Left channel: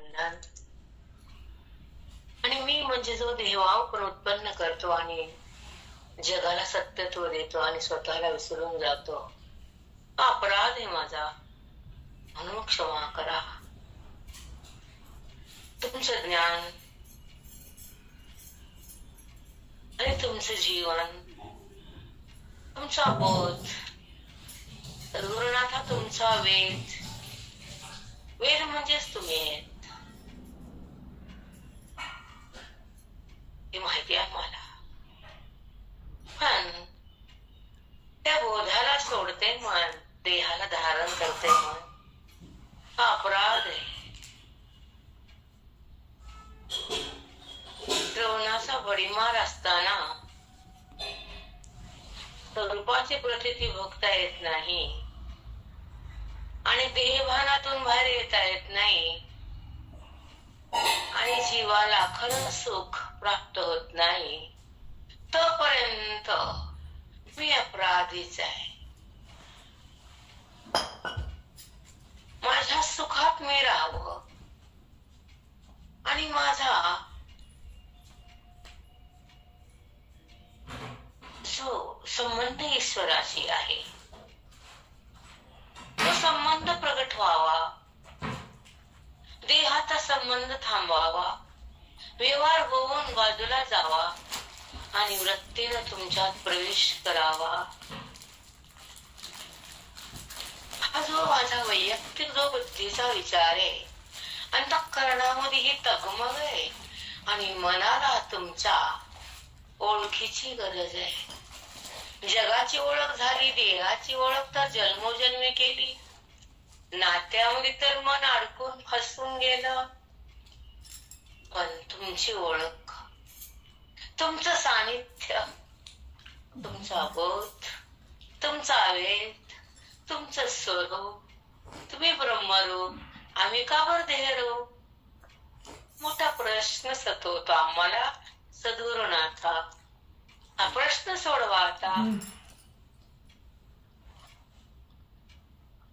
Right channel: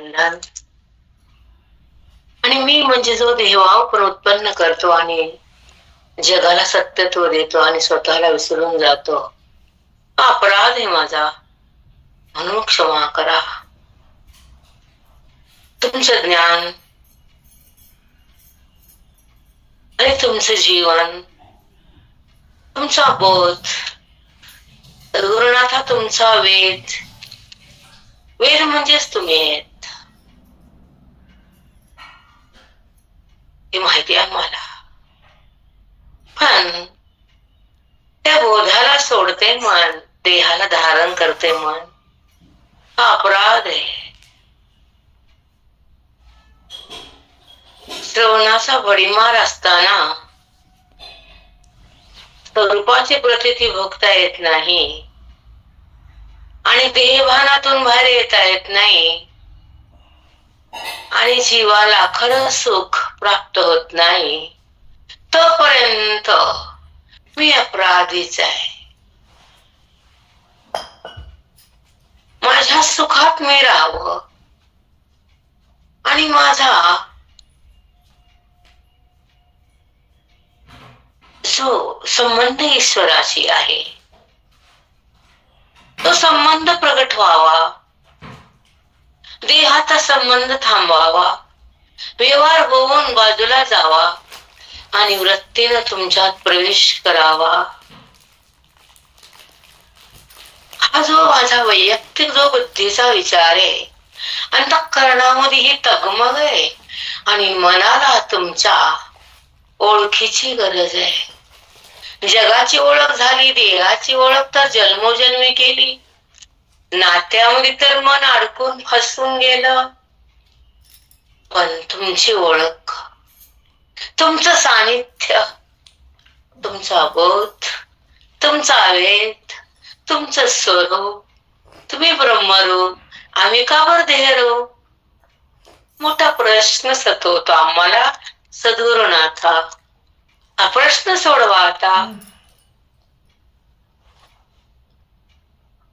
बंधन. आणि मी म्हणजे जो देहभाव पण उत्पन्न करतो आणि जगाला सत्यत्व देतो आणि स्वतःला विसरून जातो, हा अपराध आहे माझा, म्हणून क्षमा करा. तुमचं ज्ञान आणि तुमचं जीवन, तुमचा बोध, सद्गुरुनाथा तुमचा वेद, वेद म्हणजेच तुम्ही आहेत हे माहिती आहे मला. पण त्या बोधाला सोडते मन, देहाला धारण करते मन, हा अपराध आहे. श्रवणाचा भडीमार असताना स्वरूपाची प्रतीती भोगता येत नाही आणि देहभानातून बाहेर येता येत नाही आणि जीवाला खरं सुख प्राप्त होत नाही, तोपर्यंत मी अपराधीच आहे. माझ्या सुखात मी राहावं आणि माझा जो संबंध ईश्वराशी आहे तो संबंध प्रगट व्हावा, देहाचा संबंध थांबवावा, व्यवहार होऊन बाजूला जावा आणि वृत्तीनं तुमच्यात प्रवेश करावा. हा जो माझा वैयक्तिक जो बुद्धीचा विचार आहे, अंतःकरणामध्ये ही तगमग आहे आणि मनाला तुमच्या ओळखीची गरज आहे. जगाची ओळख झाली, देहाची ओळख तर जन्मोजन्मी केली, नात्यामध्ये तर मन अडकून फसून गेलं. पण तुमची ओळख, तुमचं सानिध्य, तुमचा बोध, तुमचा वेद, तुमचं स्वरूप, तुम्ही ब्रह्मरूप, आम्ही का बरं देहरूप, मोठा प्रश्न सतवतो आम्हाला सद्गुरुनाथा. हा प्रश्न सोडवा आता.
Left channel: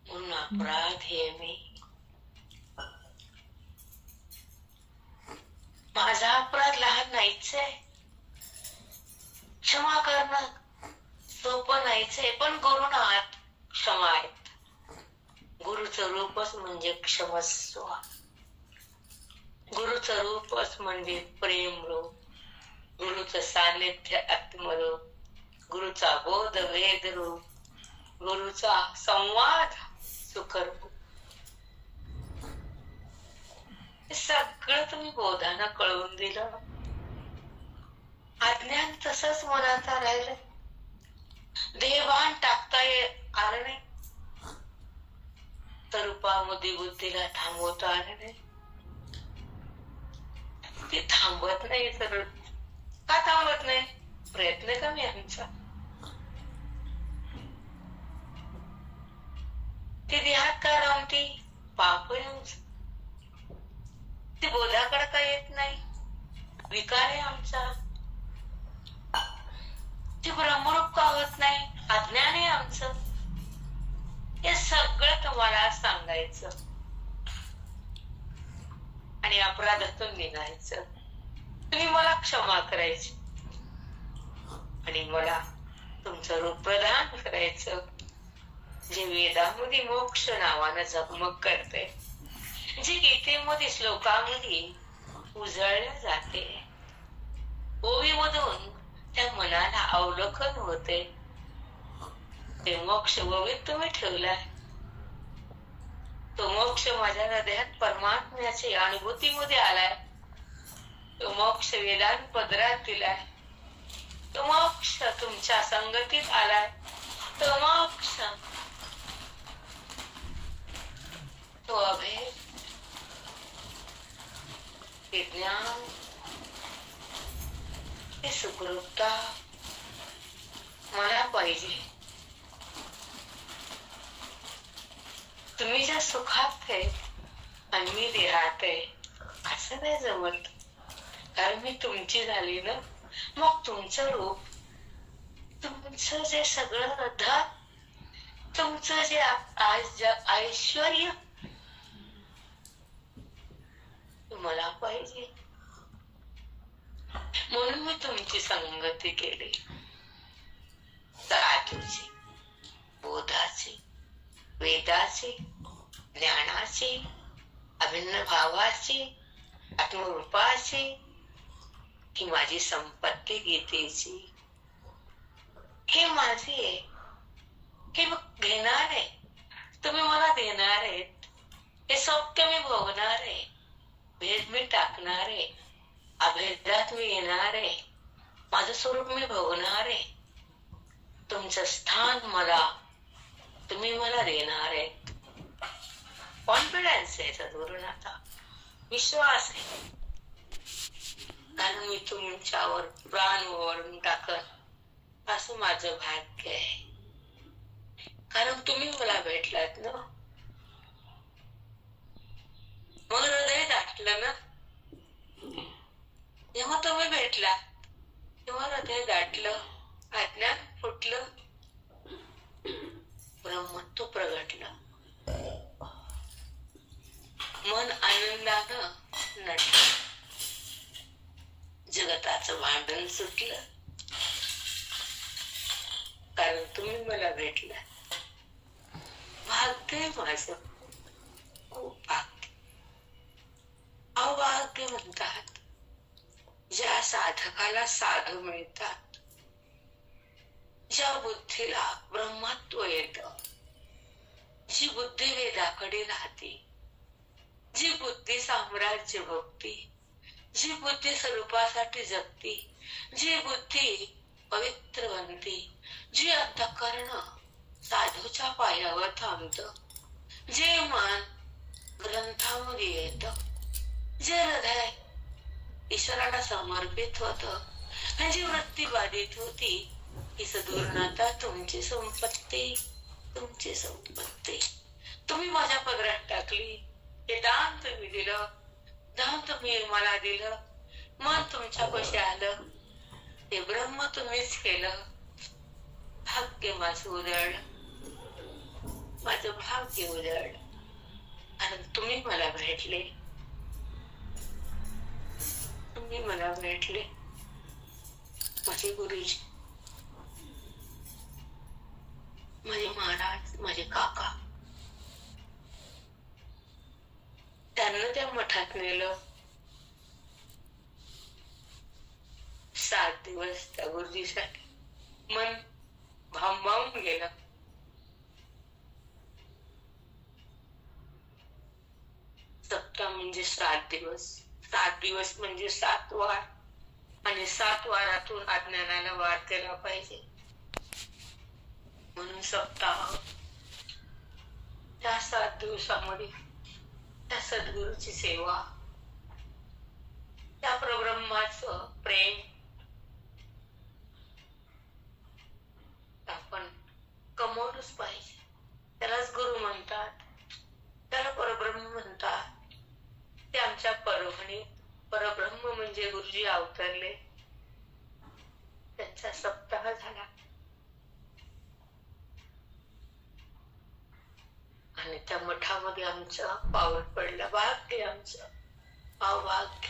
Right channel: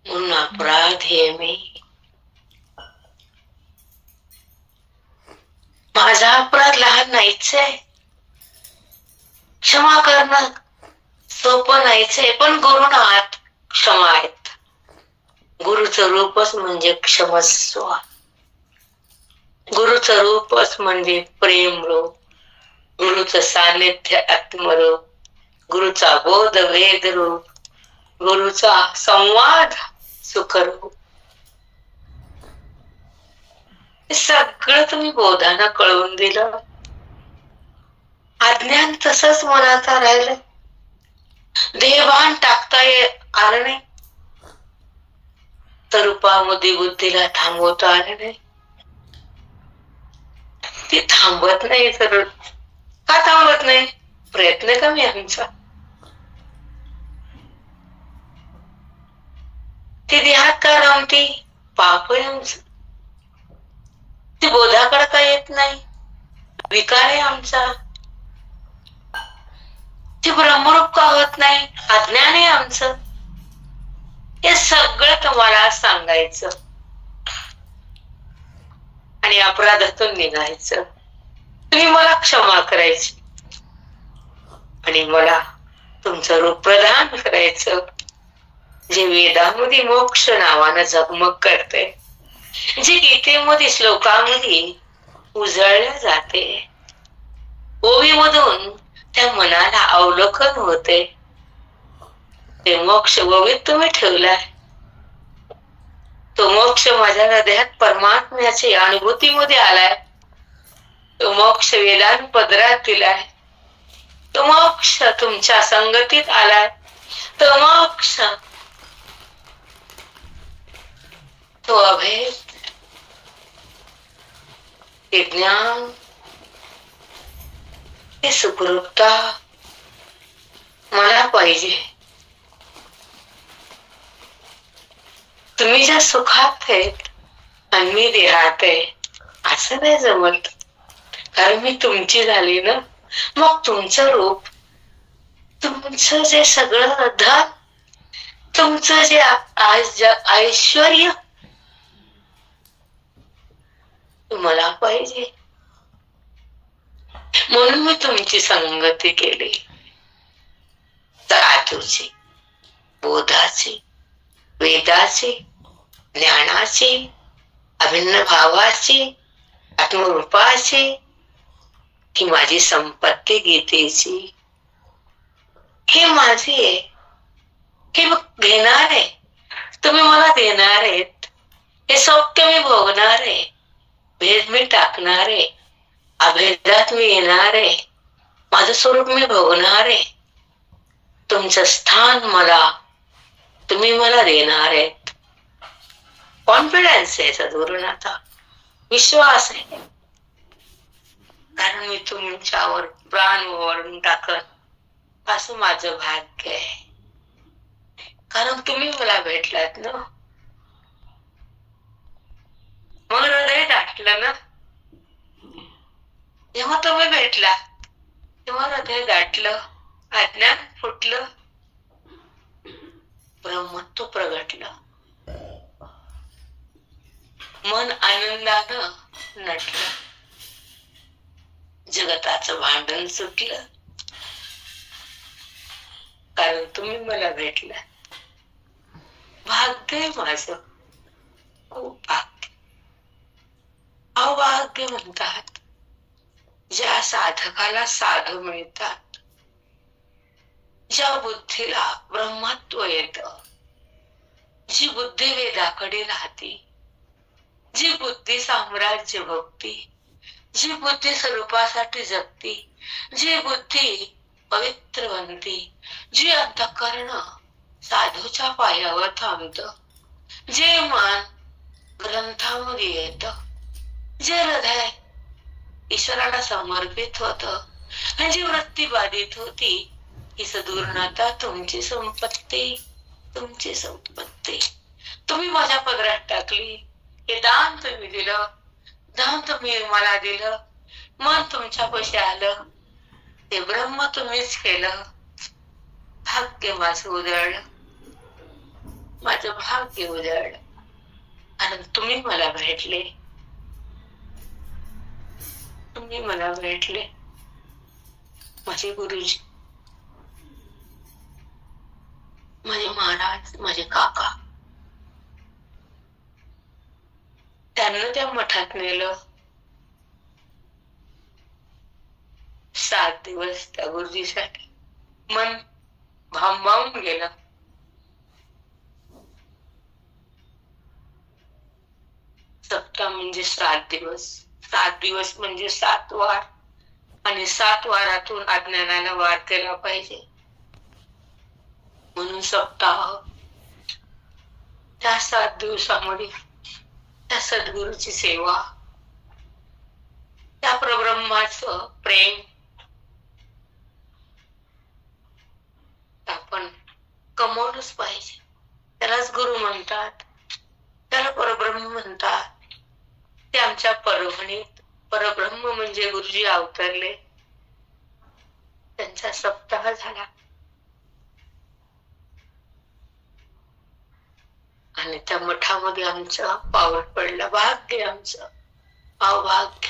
म्हणून अपराध हे मी, माझा अपराध लहान नाहीच आहे, क्षमा करणं सोपं नाहीच आहे, पण गुरुनाथ क्षमा आहेत. गुरुचं रूपच म्हणजे क्षमस्व, गुरुचं रूपच म्हणजे प्रेम रूप, गुरुचं सानिध्य आत्मरूप, गुरुचा बोध वेद रूप, गुरुचा संवाद सुखरूप. हे सगळं तुम्ही बोधानं कळवून दिलं. अज्ञान तसंच मनाचा राहिलं, देहभान टाकता आलं नाही, तर रूपामध्ये बुद्धीला थांबवता आलं नाही. ती थांबत नाही, तर का थांबत नाही? प्रयत्न कमी आमचा. ती देहात का रमती? पाप आहे आमचं. ती बोधाकडे का येत नाही? विकार आहे आमचा. ती ब्रह्मरूप का होत नाही? अज्ञान आहे आमचं. हे सगळं तुम्हाला सांगायचं आणि अपराधातून निघायचं. तुम्ही मला क्षमा करायची आणि मला तुमचं रूप प्रदान करायचं, जे वेदामध्ये मोक्ष नावानं झगमग करते, जे गीतेमध्ये श्लोकामध्ये उजळल्या जाते, ओवीमधून त्या मनाला अवलोकन होते. ते मोक्ष ओवीत तुम्ही ठेवलाय. तो मोक्ष माझ्या हृदयात परमात्म्याची अनुभूतीमध्ये आलाय. तो मोक्ष वेदांत पदरात दिलाय. तो मोक्ष तुमच्या संगतीत आलाय. तो मोक्ष, तो अभेद, ते ज्ञान, ते सुखरूपता मला पाहिजे. तुम्ही ज्या सुखात आहेत आणि मी देहात आहे असं नाही जमत, कारण मी तुमची झाली ना. मग तुमचं रूप, तुमचं जे सगळं धन, तुमचं जे ऐश्वर्य, मला पाहिजे, म्हणून मी तुमची संगती केली. साधूची, बोधाची, वेदाची, ज्ञानाची, अभिन्न भावाची, आत्मरूपाची, ही माझी संपत्ती गीतेची. हे माझी आहे, हे घेणार आहे, तुम्ही मला देणार आहेत. हे सौख्य मी भोगणार आहे, भेद मी टाकणार आहे, अभेदात मी येणार आहे, माझं स्वरूप मी भोगणार आहे. तुमचं स्थान मला, तुम्ही मला देणार आहेत. कॉन्फिडन्स आहे सद्गुरुनाथा, विश्वास आहे. कारण मी तुमच्यावर प्राण ओवाळून टाकत असं माझं भाग्य आहे. कारण तुम्ही मला भेटलात ना, मग हृदय दाटलं ना. जेव्हा तुम्ही भेटला तेव्हा हृदय दाटलं, अज्ञान फुटलं, ब्रह्मत्व प्रगटलं, मन आनंदानं नटलं, जगताचं भांडण सुटलं. कारण तुम्ही मला भेटला. भाग्य आहे माझं, खूप भाग्य. अभाग्य म्हणतात ज्या साधकाला साधू मिळतात, ज्या बुद्धीला ब्रह्मत्व येतं, जी बुद्धी वेदाकडे राहते, जी बुद्धी साम्राज्य भक्ती, जी बुद्धी स्वरूपासाठी जगती, जी बुद्धी पवित्र बनती, जी अंतःकरण साधूच्या पायावर थांबत, जे मन ग्रंथामध्ये येत, जे हृदय ईश्वराला समर्पित होत, जी वृत्ती बाधित होती, ही सद्गुरुनाथा तुमची संपत्ती, तुमची संपत्ती. तुम्ही माझ्या पदरात टाकली, हे दान तुम्ही दिलं, दान तुम्ही मला दिलं, मन तुमच्यापाशी आलं, ते ब्रह्म तुम्हीच केलं. भाग्य माझं उजळलं, माझं भाग्य उजळलं. आणि तुम्ही मला भेटले, तुम्ही मला भेटले. माझे गुरुजी, माझे महाराज, माझे काका, त्यांना त्या मठात नेलं. 7 दिवस त्या गुरुजीसाठी मन भांबावून गेलं. सप्ताह म्हणजे 7 दिवस, 7 दिवस म्हणजे 7 वार, आणि 7 वारातून अज्ञानाला वार केला पाहिजे, म्हणून सप्ताह. त्या 7 दिवसामध्ये त्या सद्गुरूची सेवा, त्या परब्रह्माचं प्रेम आपण कमवलंच पाहिजे. त्यालाच गुरु म्हणतात, त्याला परब्रह्म म्हणतात. ते आमच्या परभणीत परब्रह्म म्हणजे गुरुजी अवतरले, त्यांचा सप्ताह झाला. आणि त्या मठामध्ये आमचं पाऊल पडलं. भाग्य आमचं, अभाग्य.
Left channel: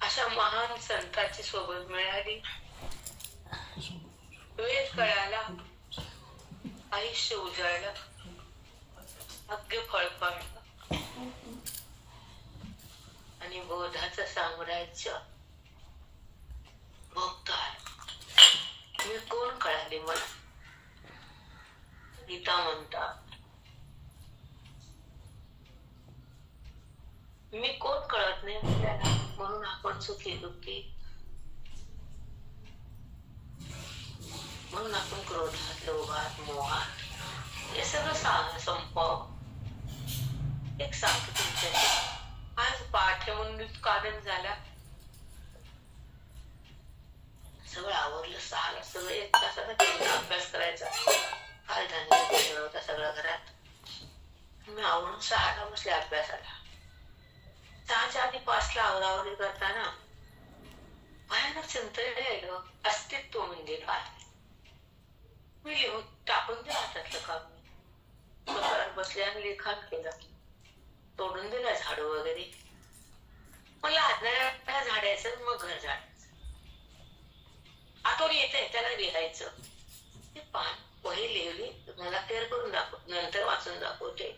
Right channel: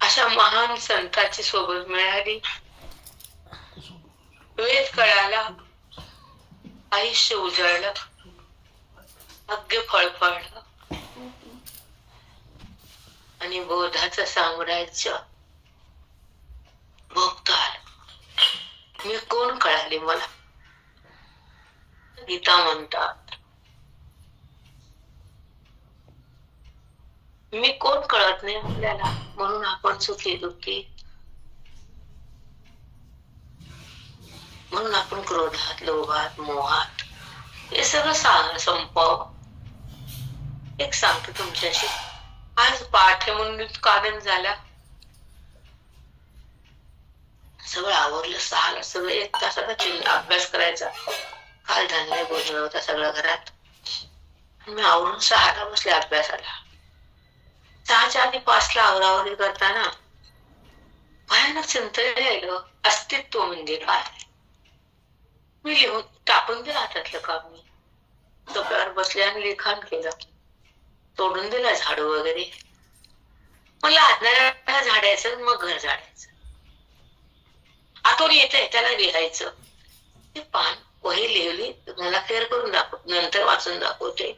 अशा महान संतांची सोबत मिळाली. वेद कळाला, आयुष्य उजळलं, भाग्य फळफळलं, आणि बोधाचं साम्राज्य भोगता आलं. मी कोण कळाली मला, गीता म्हणतात. मी कोण कळत नाही आपल्याला, म्हणून आपण सुखी दुःखी, म्हणून आपण क्रोधात, लोभात, मोहात, हे सगळं संपव. एक सांगतो तुमच्याशी. आज पाठ म्हणून कारण झाला, सगळं आवरलं. 6ला सगळं 1 तासाचा अभ्यास करायचा. काल धान्य गोंधळ होता सगळं घरात. मी आवरून 6ला बसले अभ्यासाला. 6च्या आधी 5ला आवरावरी करताना भयानक चिंतन राहिलं, अस्तित्व म्हणजे काय. मी लिहून टाकून दिलं हातातलं काम. मी कपड्यावर बसले आणि लिखाण केलं. तोडून दिला झाडू वगैरे. म्हणलं आतल्या झाडायचं मग घर झाडायचं. आतून येतंय त्याला लिहायचं. ते पान वही लिहिली मला फेर करून दाखव, नंतर वाचून दाखवते.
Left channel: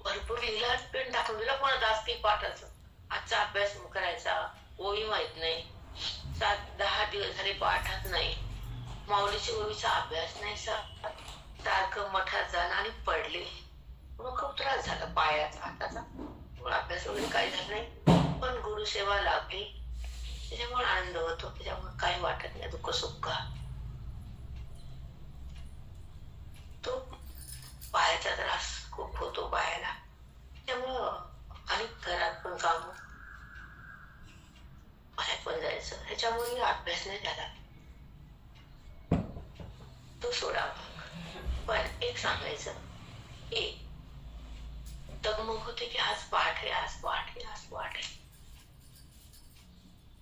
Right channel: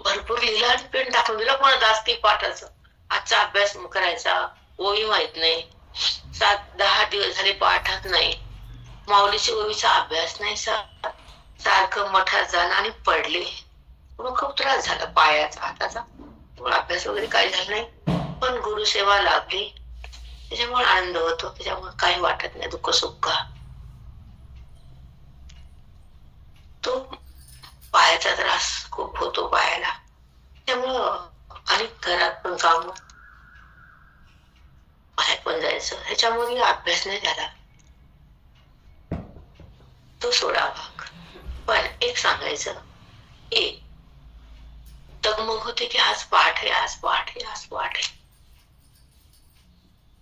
भरपूर लिहिलं आणि पेन टाकून दिला. पण जास्ती पाठाचं आजचा अभ्यास करायचा, ओळी माहित नाही, 7-10 दिवस झाले पाठात नाही, माऊलीची ओळीचा अभ्यास नाही, सारखं मठात जाणं आणि पडले. मग खूप त्रास झाला पायाचा हाताचा. अभ्यास वगैरे काही झाला नाही, पण गुरुसेवा लाभली त्याच्यामुळे आनंद होतो. त्याच्यामुळे काही वाटत नाही दुःख सुख. तो पायाचा त्रास खूप होतो पायाला, त्यामुळं आणि घरात पण काम, बाहेर पण जायचं, ह्याच्यामुळे अभ्यास नाही झाला. तो सोडा भाग. पण एक सांगायचं, एक तगमग होते की आज पाठ आहे, आज पाठ आहे, आज पाठ आहे.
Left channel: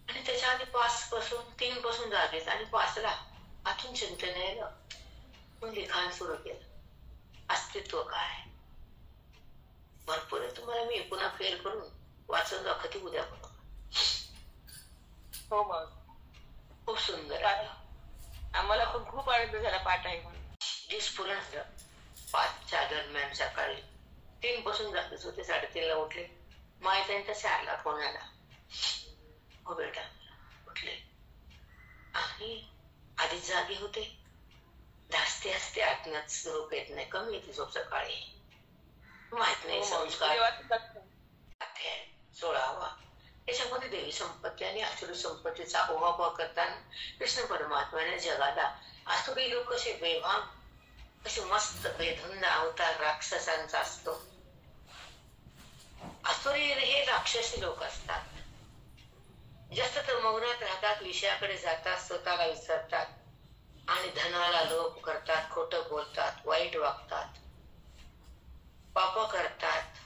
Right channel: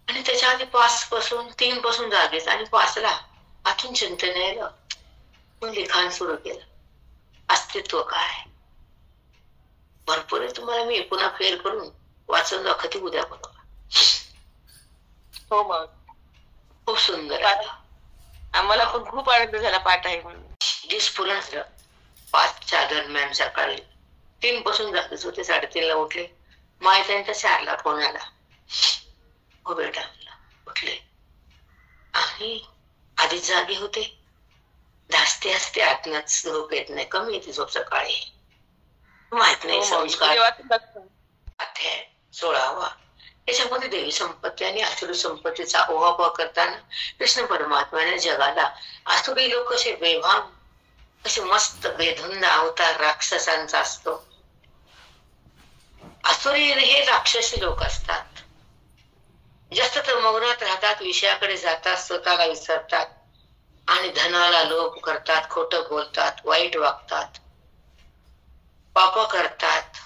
आणि त्याच्या आधी 3 पासून जागेच आणि 5ला आतून चिंतन यायला मग लिखाण सुरू केलं. अस्तित्व काय भरपूर आहे. तुम्हाला मी पुन्हा फेर करून वाचून दाखवते उद्या बनवा. हो मग खूप सुंदर. आम्हाला पण खूप आनंद झाला पाठ आहे म्हणून. स्फुरण झालं. 5च्या दरम्यान सकाळी 3 पासून जागेच होते. 3:30ला उठले. माहिती 4ला फोन आला, हो बेटा उठले. आणि आधीच जागे होते. धास्ते असते आत्म्यात झोप येत नाही, कमी येते झोप सकाळी. माहित नाही संस्कार. अध्याय 16वा. याच्यामध्ये देवी संपत्ती आणि आसुरी संपत्तीचा ओहापोह करताना कृष्ण परमात्म्याने जगाला आसुरी लोक कसे बेभान, कसे मस्त बेधुंद अवतार राक्षसांचा असतो. आसुरी हे राक्षसी लोक असतात. जास्त तर मौनात राहतात, विषयाकडे जातात, स्वतःला विसरतात आणि धनाला लोभ करतात, खोटं बोलतात, वाईट वागतात, पाप करतात.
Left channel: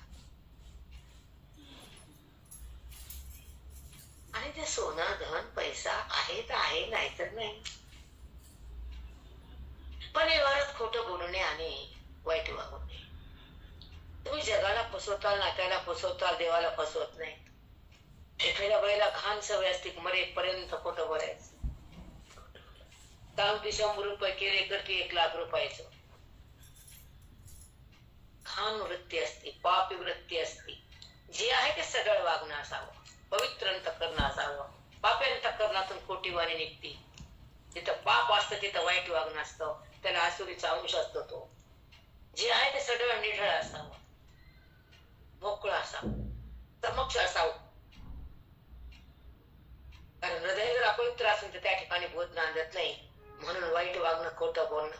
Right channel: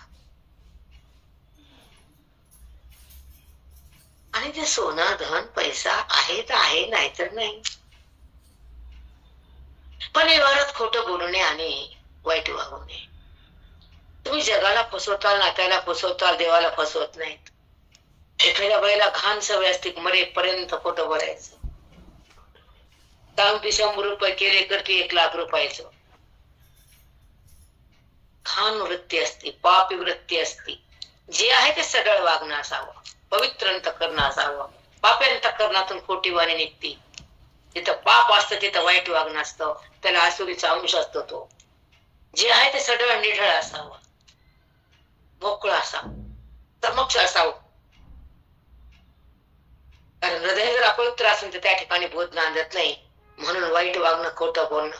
आणि ते सोनं धन पैसा आहे तर आहे, नाहीतर नाही. पण व्यवहारात खोटं बोलू नये आणि वाईट वागू नये. तुम्ही जगाला फसवताल, नात्याला फसवताल, देवाला फसवत नाहीत. एखाद्या बाईला घाण सवय असते, मरेपर्यंत खोटं बोलायचं. सांगते 100 रुपये केले करते 1 लाख रुपयाचं. घाण वृत्ती असते, पापी वृत्ती असते. जे आहे ते सगळं वागणं असावं, पवित्र अंतःकरण असावं. पापी अंतःकरणातून खोटी वाणी निघते. जिथं पाप असतं तिथं वाईट वागणं असतं, त्याला आसुरीचा अंश असतो. तो जे आहे ते सगळं निढळ असावं, मोकळं असावं, समक्ष असावं. कारण हृदय जर अपवित्र असेल तर त्या ठिकाणी बोध नांदत नाही. म्हणून वाईट वागणं, खोटं बोलणं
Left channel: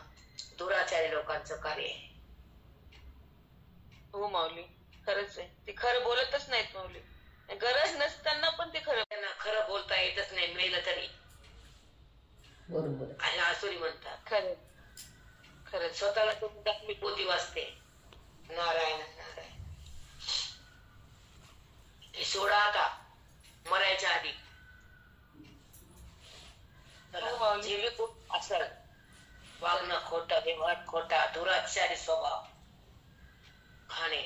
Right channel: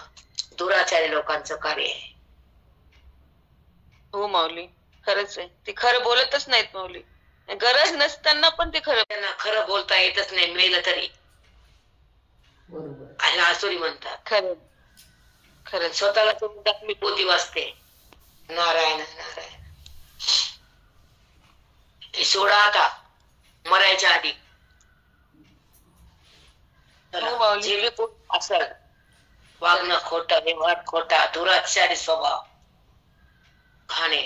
दुराचारी लोकांचं कार्य आहे. हो माऊली, खरंच आहे. ते खरं बोलतच नाहीत माऊली. गरज नसताना पण ते खरं, त्यांना खरं बोलता येतच नाही, मेलं तरी. बरोबर. आणि आसुरी म्हणतात. खरं खरं. स्वतःला ते म्हणतात मी पोथी वाचते. नारायण नारायण. हे सोडा आता मरायच्या आधी. जे बी असल वागणं खोटं, व्यवहार खोटा, दुराचारी स्वभाव, खाणे,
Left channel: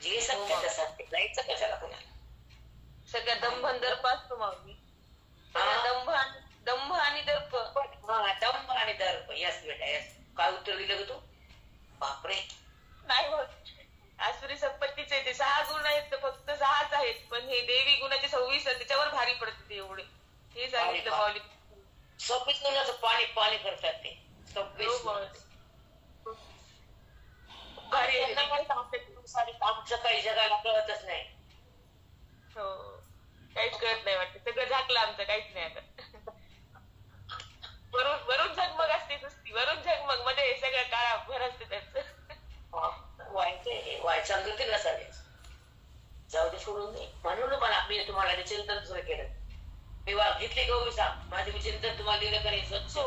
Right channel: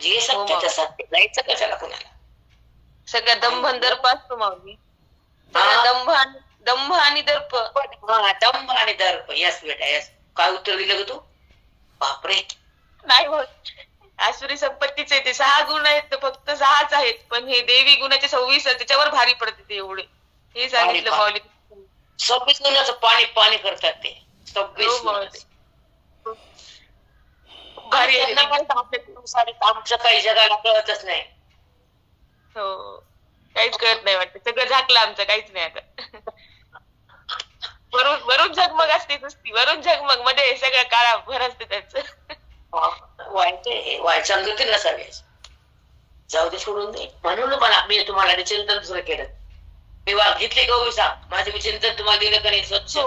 जे सत्य तसं जायचं कशाला कोणाला. सगळ्या दंभ असतो माऊली. दंभ आणि दर्प. दंभ आणि दर्प. यस बेटा यस. काय उत्तर दिलं ग तू? बापरे. नाही होत. आसुरी संपत्तीचे ते 6 गुण आहेत, तर फक्त 6च आहेत. पण हे देवी गुणाचे 26 त्याच्यावर भारी पडते ते एवढे. हे सांगितलं माऊली. 26 गुणाचं पाणी पाणी करतात ते. 26 भारी. आमचं काही जगाला कळतच नाही. हो, काहीच कळत नाही वाटतं. सगळं झाकलं आमचं, काहीच नाही आता. वरून झगमग असते नुसती, वरून झगमग मध्ये सगळं काळा भर असते त्याच. वाईट संगती नसावी. जाऊ दे, सोडून दे. म्हणून मला मी तुम्हाला चिंतन सुरू केलं. मी घेतले गौसा माझे चिंतन तुम्हाला दिलं का नाही स्वच्छ.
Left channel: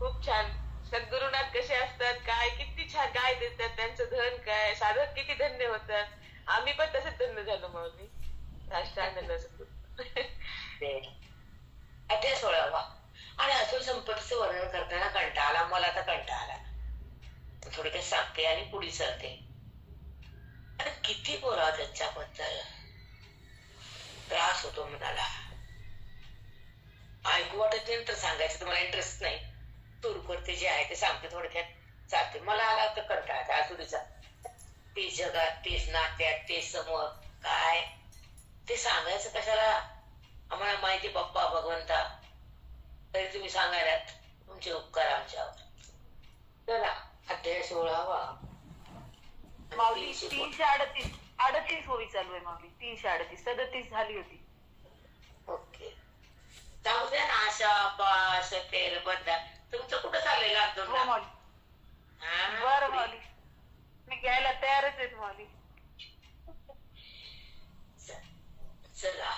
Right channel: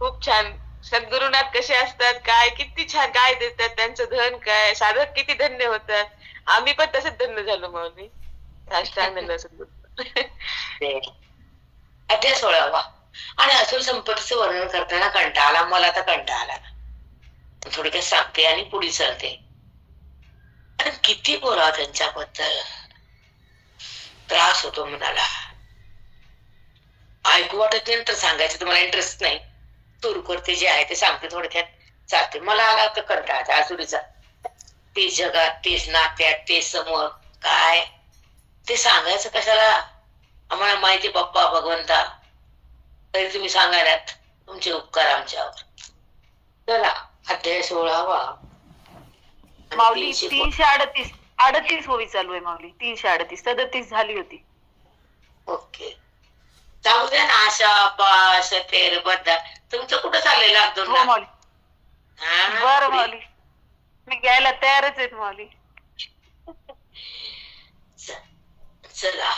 खूप छान. सद्गुरुनाथ कसे असतात, काय किती छान काय देतात, त्यांचं धन काय, साधक किती धन्य होतात. आम्ही पण तसंच धन्य झालो माऊली. अध्याय 16वा. आणि आसुरी संपत्तीचं वर्णन करताना कंटाळा आला. मला तर कंटाळा आला. थोडक्यात सांगते आणि पुढे चालते. आणि किती बोलावं त्यांच्याबद्दल, त्रास होतो मनाला. ऐकू वाटत नाही तर सांगायचं तुम्हाला इंटरेस्ट नाही. सुरू करते, जे आहे ते सांगते, थोडक्यात चालते. मला आला तर कंटाळा आसुरीचा. ते जगात, तेच नात्यात, तेच समोर, काय ते सांगायचं कशाला? आम्हाला माहिती पप्पा भगवंता, तरी तुम्ही सांगायलात. तुमचे उपकार आमच्यावर. चला अध्याय 16. माऊली 338 होवी चालू आहे माऊली. 338 37 झाली होती. ओके, जाऊ द्या ना. आशा पाश तेर बद्दा तुमचं कुठं चाललंय? लागतो हो माऊली. बरं माऊली, मी घ्यायला तयारच आहेत माऊली. चला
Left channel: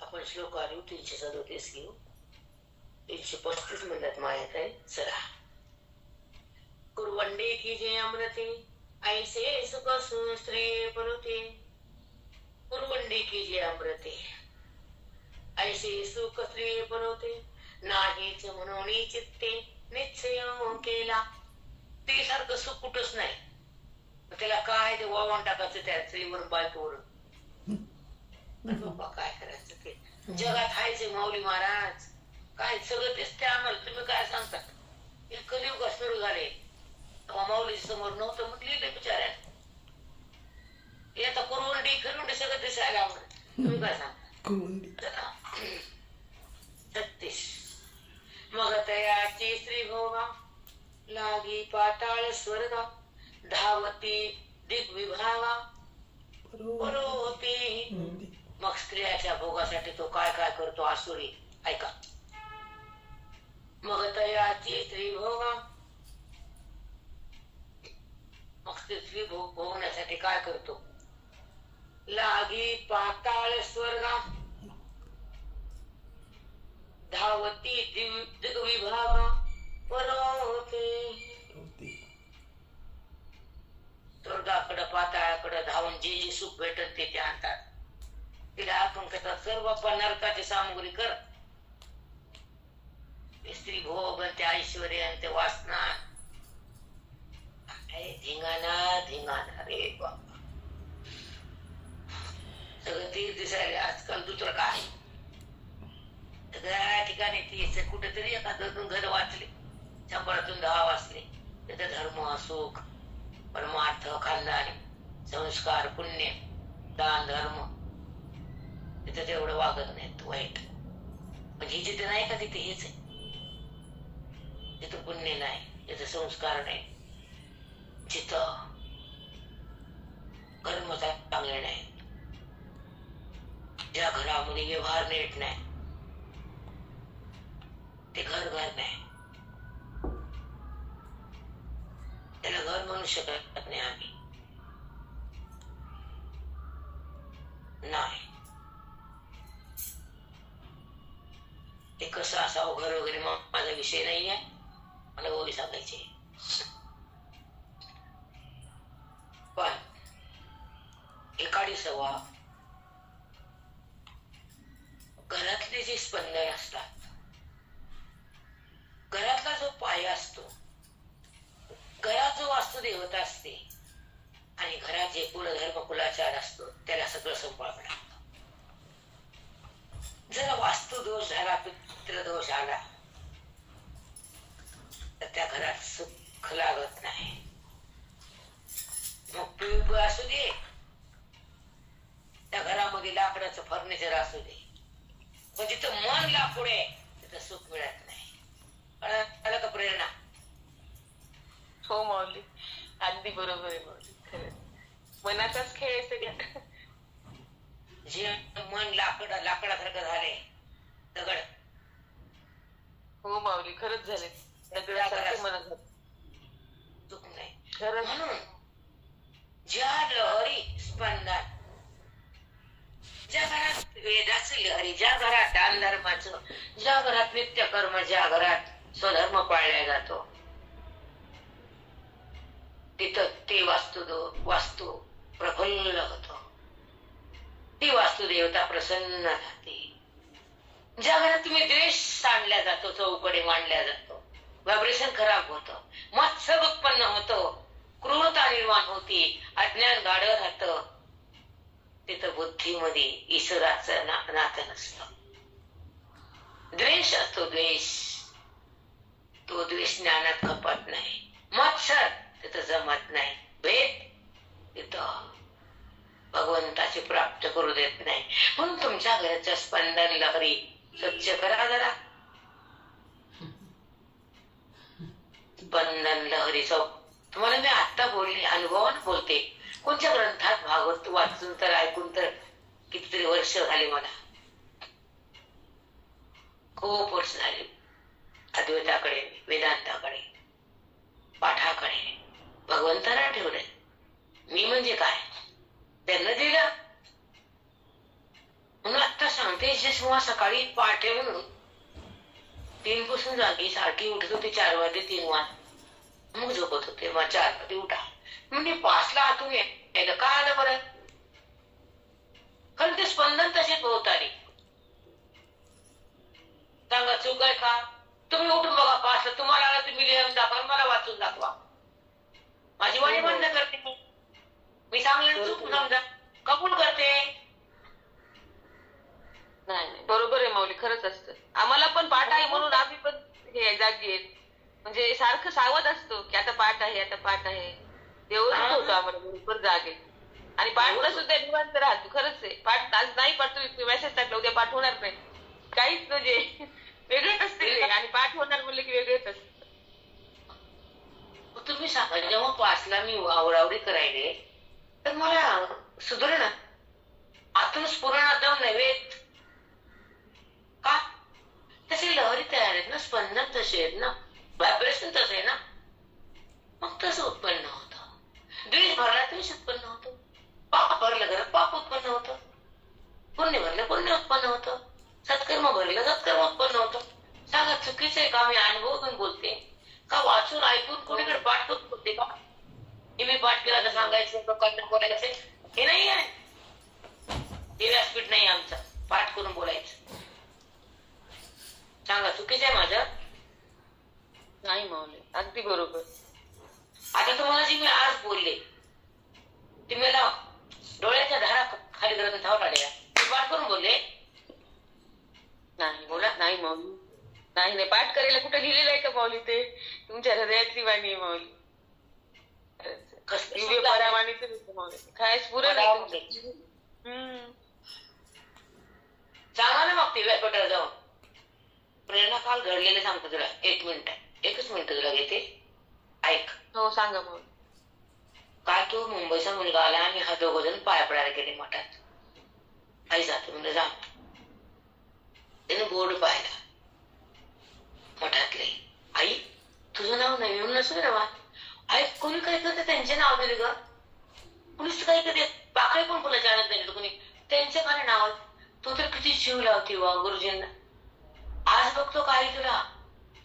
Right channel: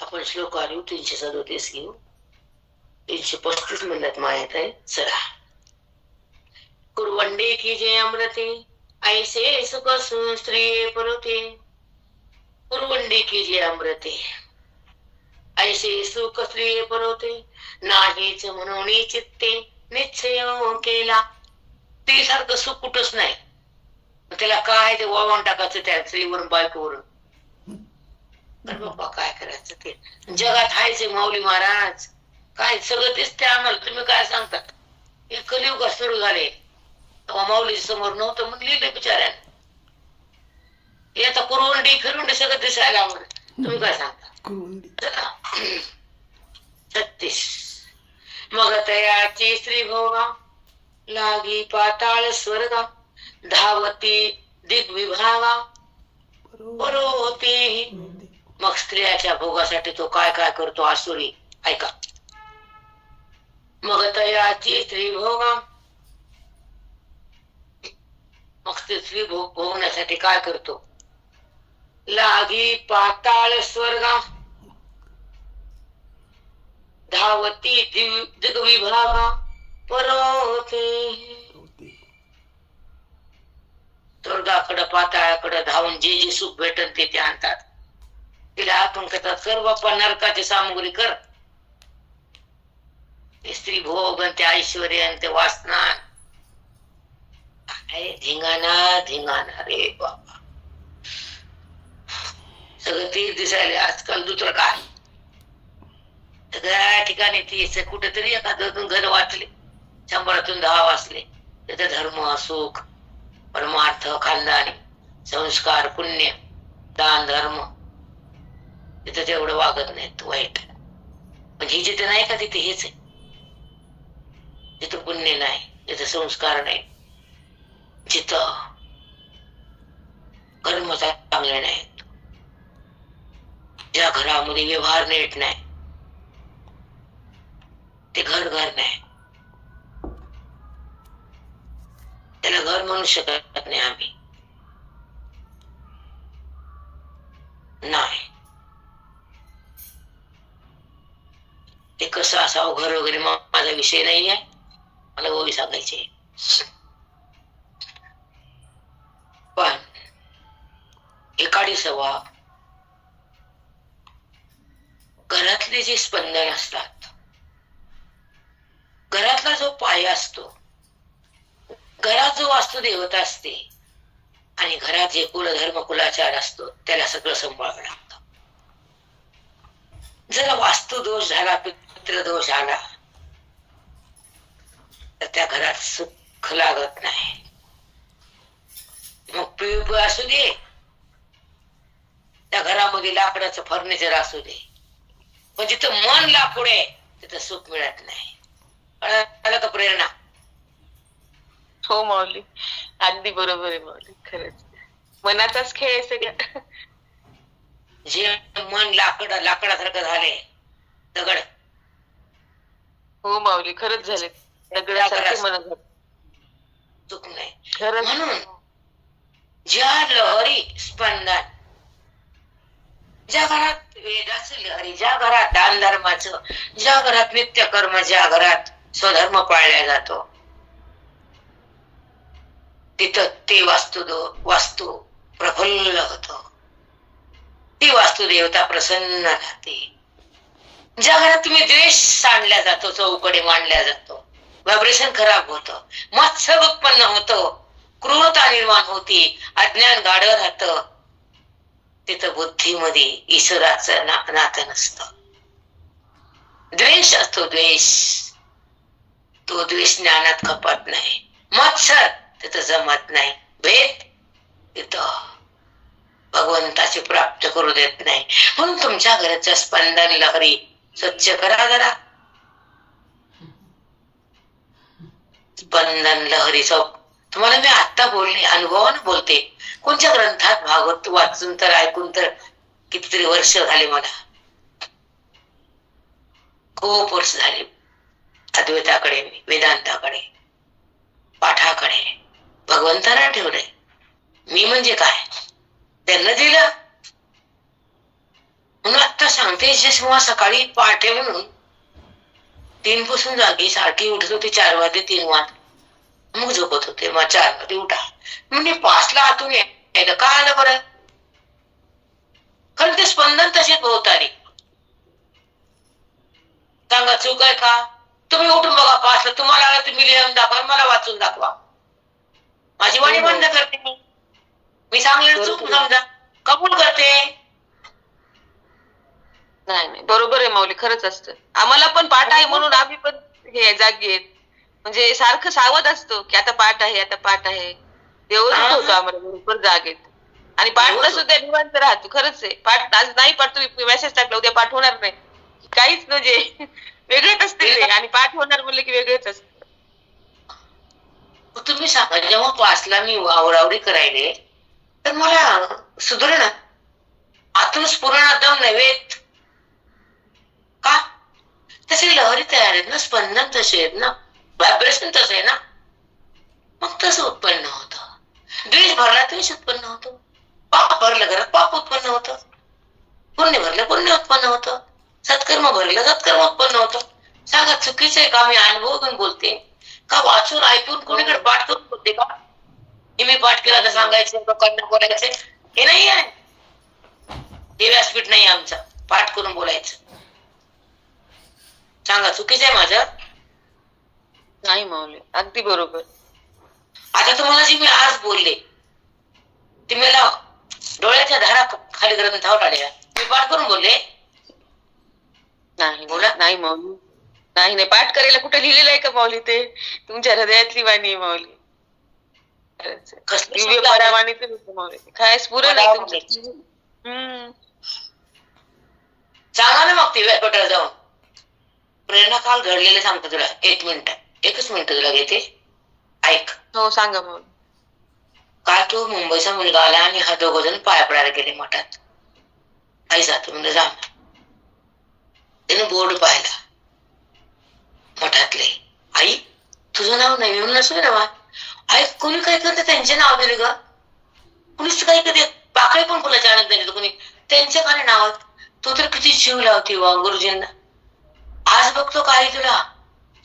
आपण श्लोक आलो 337 घेऊ. 335 म्हणत मायात आहे. चला. कुरवंडे की जे अमृते ऐसे सुख स्त्री परते. कुरवंडे की जे अमृते ऐसे सुख स्त्री परते. नाहीच म्हणून चित्ते निश्चय केला. ते सारखं सुख कुठंच नाही. त्याला काय ते वळवून टाकायचं त्या स्त्रीवरून बायकोवरून. तर बाप्पा काय करायचं? ते जगात हायचे माऊली महाराज. काय सगळं तेच ते आम्हाला. तुम्ही काय सांगतात? हे कलियुग सुरू झाले तेव्हा माऊली समोर नव्हतं म्हणून लिहिलं बिचाऱ्याने. हे आता कुरवंडी फिरवंडी सगळं दिसायला आम्हाला. तुम्ही काय सांगता? 36. मग तयाची स्त्री भोगा लागी पाताळ स्वर्गा. धावती दिग्विभागा परोती. मग स्त्रियाच्या भोगासाठी तो काय काय करतो आसुरी, ऐका. मग तयाची स्त्री भोगा, मग स्त्री भोगण्यासाठी काय करतो? लागी पाताळ स्वर्गा. धावती दिग्विभागा परोते. स्वर्गाकडं पाताळाकडं धावून जे जे सुख भेटत ते आणतात. तिला आपण करतात, कर बाप्पा नरकाची सामुग्री कर. स्त्री भोग आणि ते ऐश्वर्य आणि ते वासना, धिंगाणा धिंगाणा रे बाबा. सगळं तेच दिसायला आजकाल. दुसरं काय? सगळ्या ठिकाणी तेच. कुठेतरी एखादं घर वाचले, 100तून 10 वाचले, त्याचा धर्म सुख परमार्थ खानदानी संस्कार पुण्य दान धर्म तिथं तेवढं वागत नाहीत वाईट. म्हणजे जिथे नाही का तिथे हेच आहे. जिथं पुण्य नाही, जिथं संस्कार नाही, जिथं कर्म चांगले नाहीत, ज्या घरामध्ये व्यवहार नीट नाही, ते घर नाही. त्याला घर म्हणू शकत नाही आम्ही. नाही ते कसं असावं घर वगैरे माझा विषय नाही आहे. मला गोवी सांगायचे. पण एकाडी सवा घरातले जे स्पंदन असतात, घरातला जो पाया असतो, घरात जो वास्तुदेवता असते आणि घरात जे कुलधर्म कुलाचार असतो त्याला सगळं सांभाळावं लागतं. जर वास्तुदोष झाला, पितृदोष आला तर त्या घरात सुख लागत नाही. मग पीयूपी असू दे, त्या घरामध्ये लाकडाचं फर्निचर असू दे, पण जिथं मन लाकूड आहे तिथं सुख मिळत नाही. आलं का प्रेरणा? हो माऊली, अगदी बरोबर आहे माऊली. खरंच मनाचाच खेळ आहे सगळं. जे मन लाकडासारखं झाले, दगड. हो माऊली, खरंच झाले दगडासारखे मन झाले. चूक नाही. खरंच. म्हणून ज्या लहरी स्पंदन, ज्या घरात वेदाचं लहरी, ज्या घरात दान धर्माचं, ज्या घरात नित्यकर्म, ज्या घरात स्वधर्म पाळला जातो, तिथं ते वास्तू प्रफुल्ल होतो. ती वास्तुदेवता प्रसन्न राहते. ज्या घरात तुम्ही द्वेष सांडल्या जातो, चौकडे मांडल्या जातो, व्हायब्रेशन खराब होतं, मत्सर उत्पन्न होतं, क्रूरता निर्माण होती, अज्ञान गाढ राहतं. तिथं बुद्धीमध्ये ईश्वराचं नातं नसतं. द्वेष असतो, द्वेष. तो द्वेष ज्ञानात खपत नाही. मत्सर तिथं जमत नाही. भेद तिथं भगवंताची प्राप्त करू देत नाही. म्हणून तुमच्या घराच्या स्पंदन लहरी स्वच्छ करा जरा. स्पंदन लहरीचा तुम्हाला मी आता बोलले, अनुभवानं बोलते. कोणत्या ग्रंथात भागवत वाचून तर ऐकून तर कितीतरी वर्ष झाले मला, खूप वर्ष झाले. अद्वैताकडे, वेदांताकडे, पाठाकडे भगवंताला ठेवलंय. मी म्हणजे काय त्यांना दिलं. म्हणून आता सांगते, जेव्हा सकाळी पहाटे म्हणून 3 पासून जागी सारखी उठत होते, 4 वाजले 3 वाज मग झोपत होते. मग 4 मध्ये उठा म्हणजे 5 ला आतून यायला का आलं बरं? कारण ते स्पंदन तसेच भोवताली. सांगा चूक आहे का? तुम्ही उठून बघा 5 ला, तुम्हाला आलं तुम्ही लिहून दाखवा, मला वाचून दाखवा. माझी वाणी बंद करते मी सांगले चूक समजा कबूल करते. नाही बरोबर आहे माऊली, खरंच असतं. आम्हाला पण पाठ आहे म्हणून आम्ही पण हे जागी आहेत. म्हणजे सारखं सावध असतो की आता पाठ आहे, आता पाठ आहे. देवच होतो आम्हाला बरोबर जागेत. आणि पाठ सुद्धा निवांत राहतो. खरंच आहे. पाठ आज नाही पाठ, तुम्ही मेसेज टाकला उद्या पाठ होणार नाही, काहीच म्हणजे वेगळेच असते ते. आणि पाठ होणार म्हणलं की वेगळेच असत. तुम्ही सांगा, जेव्हा 5 ला मी आवरावरी करायले तर मला सुधरण आतून स्फुरण दम नव्हेत का? तसे लहरी तयार आहेत ना, स्पंदन तसे आहेत ना, व्हायब्रेशन तसे आहे ना. मग तसं उत्पन्न होतं. द्वेष भरला द्वेष उत्पन्न होतो, पाप भरलं घरात पाप उत्पन्न होतं, पुण्य भरलं पुण्य उत्पन्न होतं, सत्कर्म भरलं सत्कर्म उत्पन्न होतं. सांगा चुकीचं आहे का? मी अनुभव घेऊन बोलते का वाचून ऐकून कोणीकडे पाठ करून बोलते का? हे मी पाठ केला तर सांगायचं, लोकांना बोलायचं हे नाही आहे. हे व्यासपीठ नाही आमचं पाठ करून बोलायचं. सांगा चुकीचं आहे माझं? नाही माऊली, अगदी बरोबर. आता तुम्हाला जी मी आज बोलले ती मला डोळ्याच्या धारा खाली ग्रंथावर आल्या, मी पाठ करून बोलले नाही बोला. नाही माऊली, नाही नाही, पाठ करायला कुठे लिहिलेलं आहे का माऊली? ते तुमच्या हृदयातली वाणी आहे माऊली. दिव्य परावाणीच माऊली, काय स्फुरण आहे तुमचं. सांगा ना मग ते व्यासपीठाला जाऊन. प्रेरणा काल घडलेलं सांगतो तुला. 1 मिनिट, 1च मिनिट तुला घेते, ऐक. हो सांगा मग. काल तो मुंबईचा मुलगा आला आणि हा 2 जण पाया पडायला गेले मठात. आई जातो म्हणजे जा. त्याने बोर्ड पाहिला मठातले, आई तुझं नाव नाही म्हणून नसू ना. आई कोणी काय करते त्यांचे नाव दिले ग, कुणीच काही करते. पाकळी पण फुलाच्या आणत नाही कोणी, त्यांचे काय नाव. तो तर किती जीव लावते वा गुरुजींना. आज बघतो काय तुला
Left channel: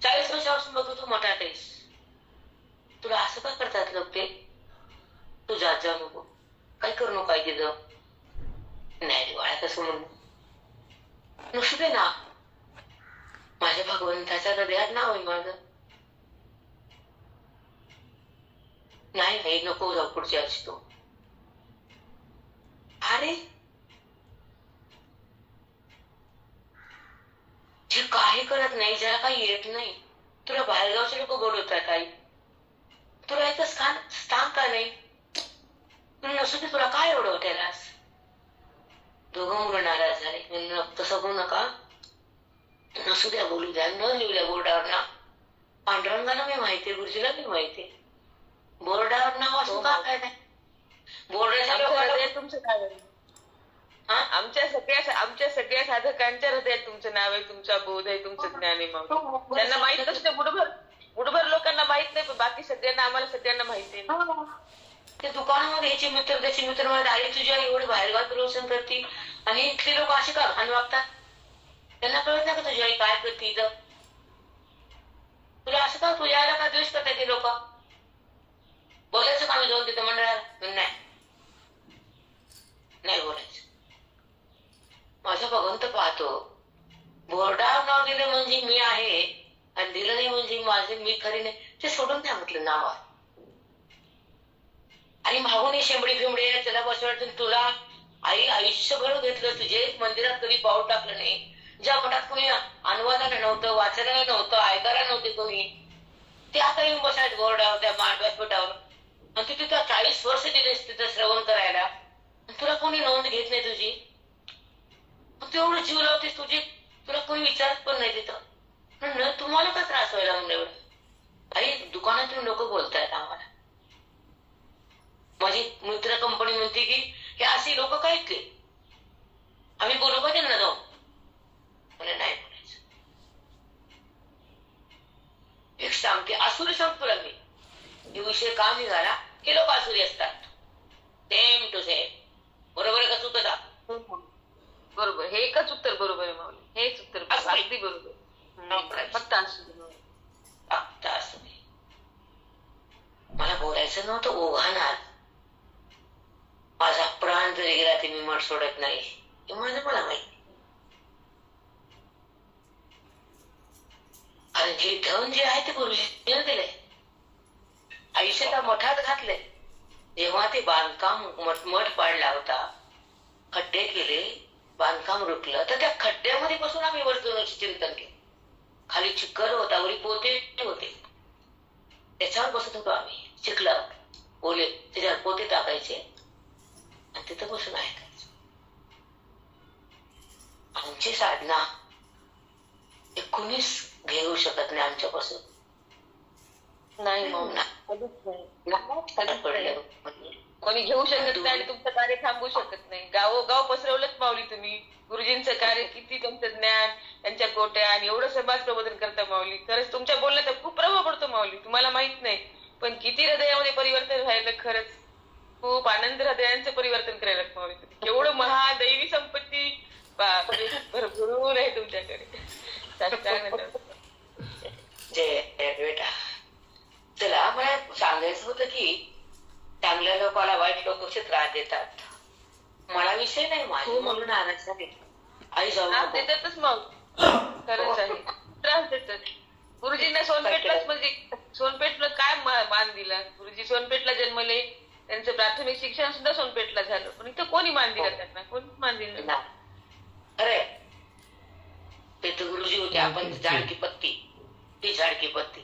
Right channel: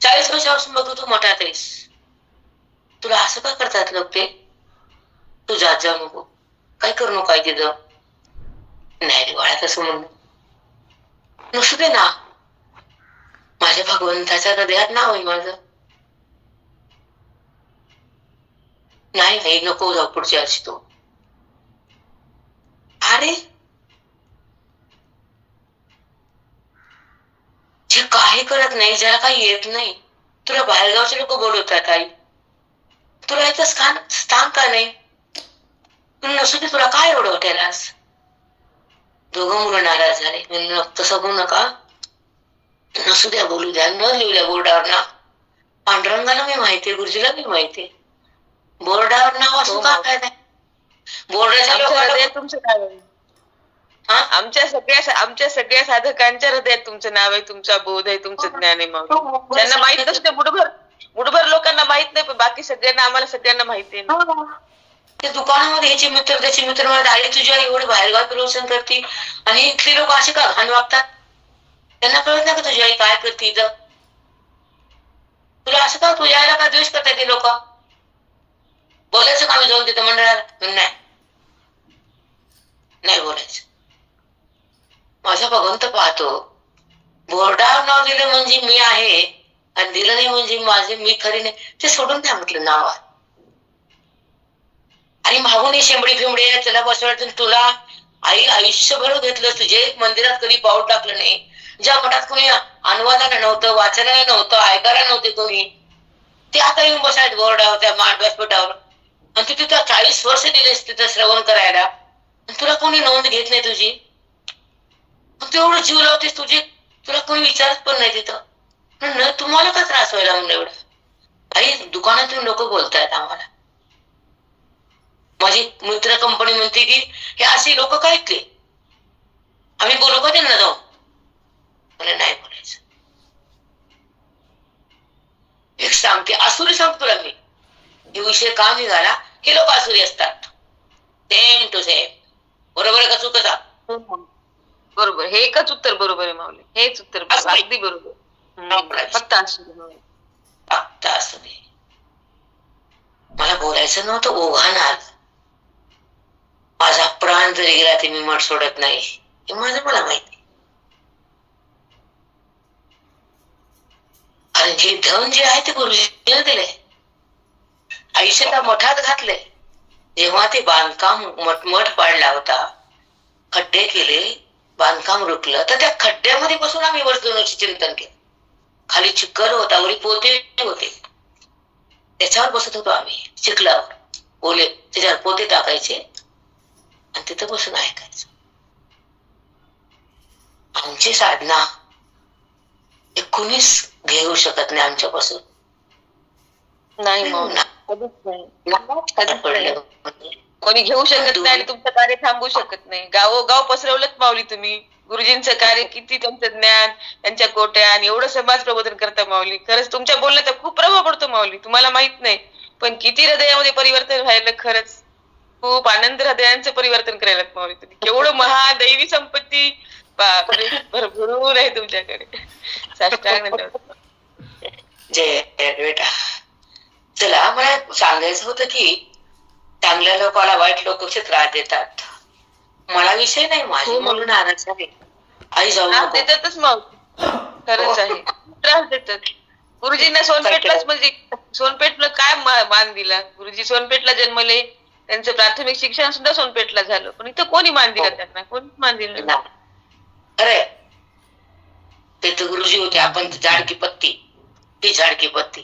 40 वर्षापासून बघतो तू मठात आहेस, तुला असं का करतात लोक? ते तू जात जाऊ नको, काय करू नको काय तिथं. नाही रे बाळा तसं म्हणून नसू दे ना. माझ्या भगवंताच्या हृदयात नाव आहे माझं. नाही नको जाऊ पुढच्या वर्षी तो. अरे जे काही करत नाही, ज्याला काही येत नाही, तुला बाहेरगावचे लोक बोलवतात आई, तुला इथं स्थान का नाही? नसू दे, तुला काय एवढं वाटायलास? 2 मुलं नाराज झाले. म्हणून तसं बोलू नका, नसू द्या, बोलू द्या. न लिहिल्या बोर्डावर ना, पांडुरंगाला मी माहितीये, गुरुजीला मी माहितीये. बोर्डावर नाव असू का काय नाही. बोर्डाच्या लोकांना तुमचं नाव आहे. आमच्या सगळ्या साधकांच्या हृदयात तुमचं नाव आहे, तुमचा बोध आहे, तुमचं ज्ञान आहे. मग त्यांना माहित नसते, बुडभर लोकांना माहित नाही, पण बाकी सगळ्यांना, आम्हाला सगळ्यांना माहिती आहे. ते दुकानामध्ये ह्याचे मित्र त्याचे मित्र मला आई तुझ्या एवढे बाहेरगाव प्रवचन करते आणि इथले लोक असे का घाण वागतात? त्यांना कळत नाही का तुझी आई काय करते इथं? तुला असं का तुझ्या आईला का द्वेष करतात ते लोक? बोलायचं का मी जाऊन तिथं मंडळाला? नाही बोलायचं. माझा भगवंत पाहतो. बोर्डावर नाव दिलं म्हणजे मी आहे आणि दिलं नाही म्हणजे माझे मी खरी नाही, ते सोडून द्या म्हटलं नाव. आणि मागून शेंबडी फिंबडी तुला बसवायचं, तुला आई आयुष्यभर घेतलं, तुझे मंदिरात कधी पाऊल टाकलं नाही, ज्या मठात कोणी अनुवादाला नव्हतं, वाचनाला नव्हतं, ऐकायला नव्हते कोणी, ते आता येऊन बसायत बोर्डावर त्या व्यासपीठावर, आणि तू तिथं 40 वर्ष दिलेस तिथं श्रवण करायला, तुला कोणी नोंद घेत नाही तुझी, तू एवढं जीव लावतेस तुझी, तुला कोणी विचारत पण नाही तिथं. तुम्हाला का त्रास व्हायला म्हणलं एवढं? आई दुकानातून लोक बोलतायत आम्हाला, माझी मित्र कंपनी म्हणते की हे असे लोक काय ते, आम्ही बोलू का त्यांना जाऊ? मला नाही बोलायचं. एक सांगते आसुरी सांगतो तुला मी, हे विषय का निघाला, हे लोक आसुरी असतात, सेम टू सेम. बरोबर आहे का चुकता? बरोबर, हे एकच उत्तर बरोबर आहे माऊली, हेच उत्तर अगदी बरोबर. फक्त असू दे. मला बोलायचं नव्हतं, ओघाणार. माझा प्राण जरी गेला ते मी मठ सोडत नाही, हे माझं मला माहिती. आणि जे धन जे आहे ते गुरुजीने दिले, आयुष्याला मठात घातले. जेव्हा ते बांधकाम मठ पाडला होता, खड्डे केले, बांधकाम रुकलं, तर त्या खड्ड्यामध्ये बसून आम्ही वर्षोनुवर्षी चिंतन केलं. खाली चिखल होता, वरी पोते होते, त्याच्यावर बसत होतो आम्ही, चिखलावर ओले, त्याच्यावर पोते टाकायचे आणि तिथं बसून ऐकायचं. आमची साधना हे कुणीच घेऊ शकत नाही आमच्यापासून. नाही, कोणी घेऊ शकत नाही आणि तुमचं कार्य थांबवू शकत नाही. गावोगाव पसरवलंच माऊली तुम्ही. गुरुजींचं कार्य किती, त्यांचं ज्ञान, त्यांच्या कोट्या, आणि एवढं समाज प्रबोधन करता माऊली. खरंच तुमच्या बोलण्याचा खूप प्रभाव पडतो माऊली, तुम्हाला माहित नाही, पण किती हृदयामध्ये परिवर्तन व्हायला. खरंच खूप आनंद हृदयांचं परिवर्तन करायला माऊली तुम्ही. केवढं महादैवी संपत्ती भरभरून आहे तुमच्याकडे. साष्टांग जय बेटा. चला, मला सांगायचं होतं की चांगल्या लोकांना वाईट लोक कसे त्रास देतात. मला विषय नाही, माझी म्हणून नाराज आहे. आई जाऊ देतातच मग, खरंच आहे, त्रास देतात. गुरुजींना सोनपेठलाच, म्हणजे सोनपेठला काय मान दिला. गुरुजी सोनपेठला जन्मले, त्यांचं प्राथमिक शिक्षण सुद्धा सोनपेठला झालं, पण इथं कोणी मान दिला त्यांना? कोणी मान दिला? अरे ते तर गुरुजी होते, आपण झाडकी पत्ती, ती झाडकी पत्ती.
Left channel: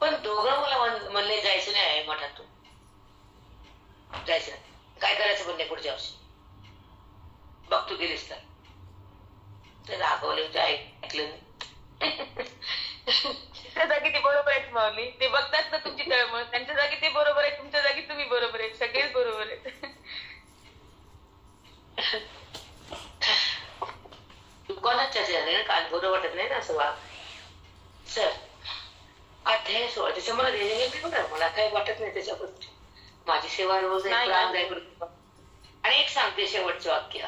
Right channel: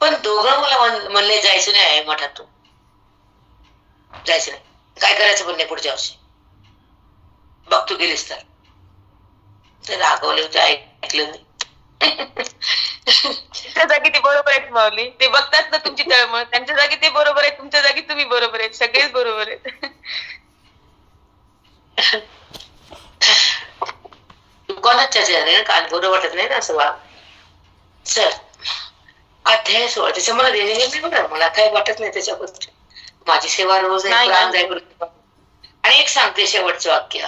पण दोघं मला म्हणले जायचं नाही मठातून, जायचं नाही. काय करायचं पण नाही पुढच्या वर्षी, बघ तू गेलीस तर रागवले होते, ऐकलं नाही. त्यांच्या जागी ते बरोबर आहेत माऊली, ते बघतात ना तुमची तळमळ, त्यांच्या जागी ते बरोबर आहेत, तुमच्या जागी तुम्ही बरोबर आहेत, सगळेच बरोबर आहेत. कोणाच्या चेहऱ्याने काल बरं वाटत नाही ना असं वाग. चल, अध्याय 16, त्याच्या मला देणे घेतली बघा, मला काही वाटत नाही त्याच्याबद्दल. माझी सेवा रोज आहे, प्राण जाईपर्यंत. आणि एक सांगते शेवटचं वाक्य,